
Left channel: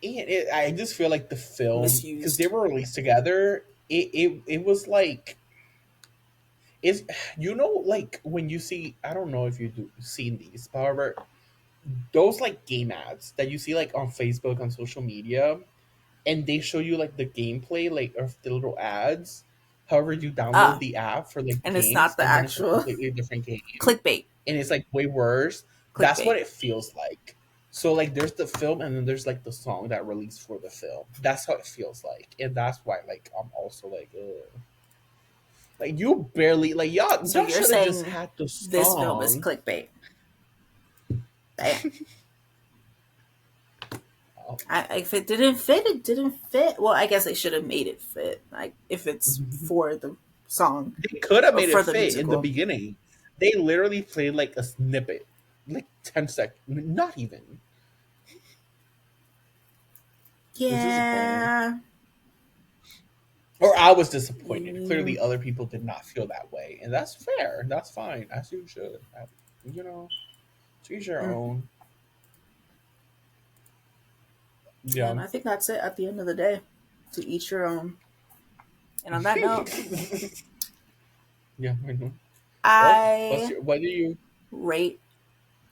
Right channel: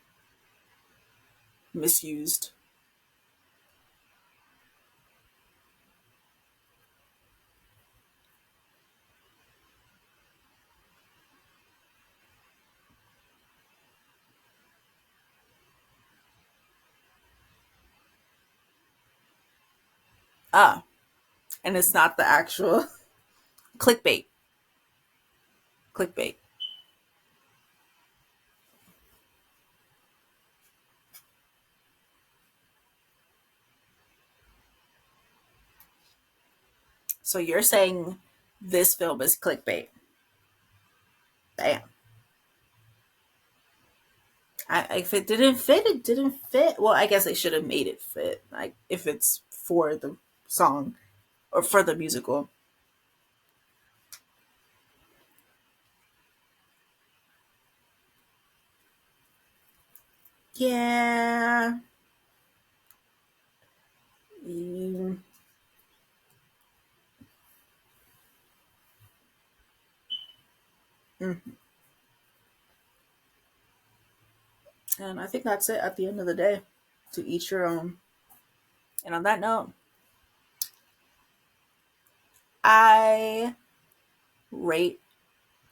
and I just feel like the film because they Misused. were released together, it was like is you know like when you see I don't know if you do seen these, however, those like game ads that you see like on Facebook on social media, and they show you like the gameplay like of the little ads. However, you download Ah, the app for like the and it's games, not the and then it's a actual completely different game clickbait. and it's like way worse. That's what Clickbait. it feels like. So like there's the film and then there's like the song that released for the film. That's how it feels like. And that's why like I'm also like ugh. Like you barely like So y'all you're should have just saying had the this film is song. clickbait? Damn. Oh. If it didn't fit, it didn't fit. Well, I guess they should have made it fit. Like if it's for the song They could have or made it for the fit in the musical. beginning. They literally played like a snippet. Like 10 seconds. Not even. It's disappointing. Yeah. Or I was disappointed. Mm, Clearly, other people did not feel that way, and that's fair. That's fine. As you should. You know, to each your mm. own. Yeah. And I think that's it at the end of the day. To each your own. And on that note, Yeah. I know. Well, I what do you? rate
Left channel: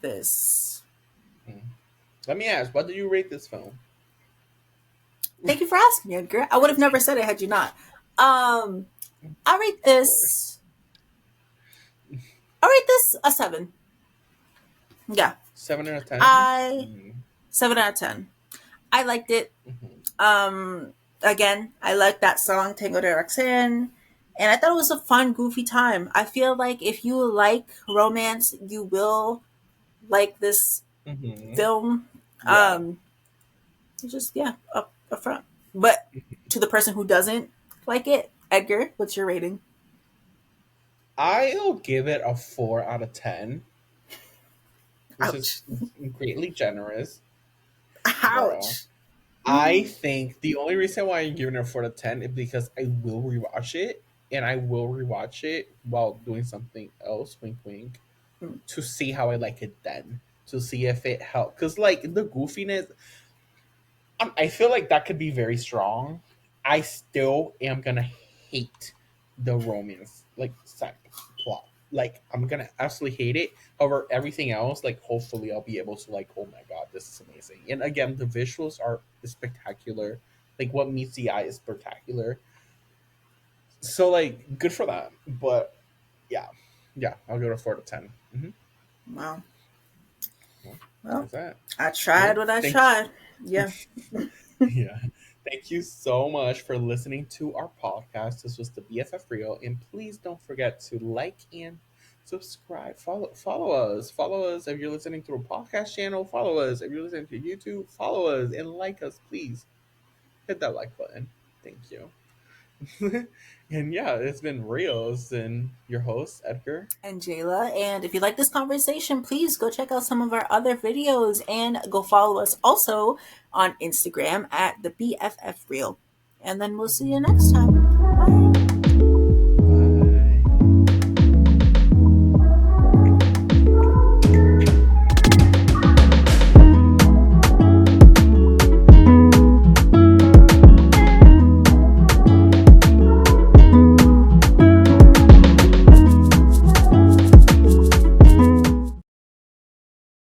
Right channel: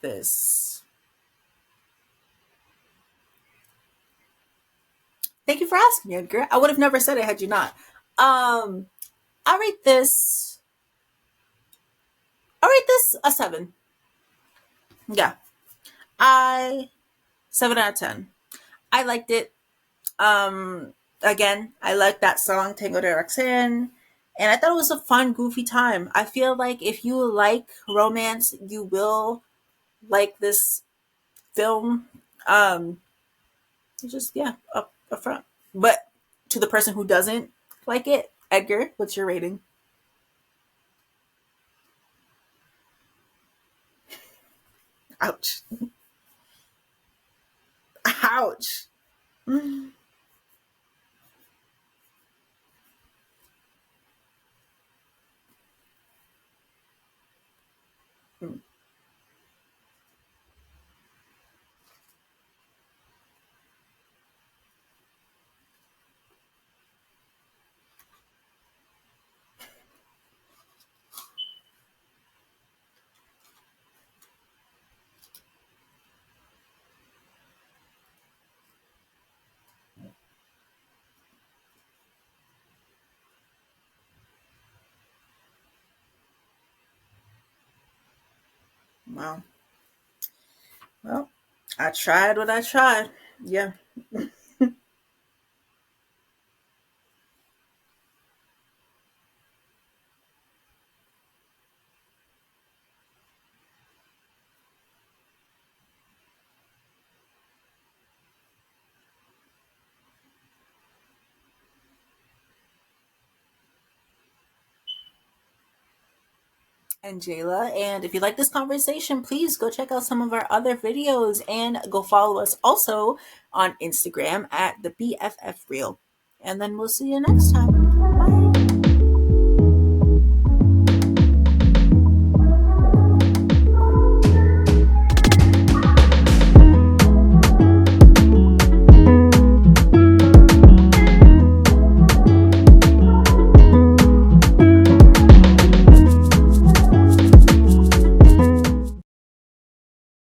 this. Hmm. Let me ask. What do you rate this film? Thank you for asking, Edgar. I would have never said it had you not. Um, I rate Of course. this. I rate this a 7. Yeah, 7 out of 10. I 7 out of 10. I liked it. Mm-hmm. Again, I liked that song Tango de Roxanne, and I thought it was a fun, goofy time. I feel like if you like romance, you will like this Mm-hmm. film. Yeah. It's just yeah, up front. But to the person who doesn't like it, Edgar, what's your rating? I'll give it a 4 out of 10, which is Ouch! greatly generous. Girl. Ouch! I think the only reason why I'm giving it a 4 to 10 is because I will rewatch it, and I will rewatch it while doing something else, wink wink, Mm. to see how I like it then, to see if it helped. Because like the goofiness, I feel like that could be very strong. I still am gonna hate the romance like plot. Like I'm gonna absolutely hate it. However, everything else, like hopefully I'll be able to like, oh my god, this is amazing. And again, the visuals are spectacular. Like what meets the eye is spectacular. So like good for that. But yeah, yeah, I'll go to 4 to 10. Wow. Well, Well, that's that. I tried Well, what I thank tried. Yeah. Yeah. Thank you so much for listening to our podcast. This was the BFF Real, and please don't forget to like and subscribe. Follow us. Follow us if you're listening through a podcast channel. Follow us if you're listening to YouTube. Follow us and like us, please. Hit that like button. Thank you. And yeah, it's been real. It's been your host Edgar. And Jayla. And if you like this conversation, please go check out some of our other videos and go follow us also on Instagram at the BFF Real. And then we'll see you next time.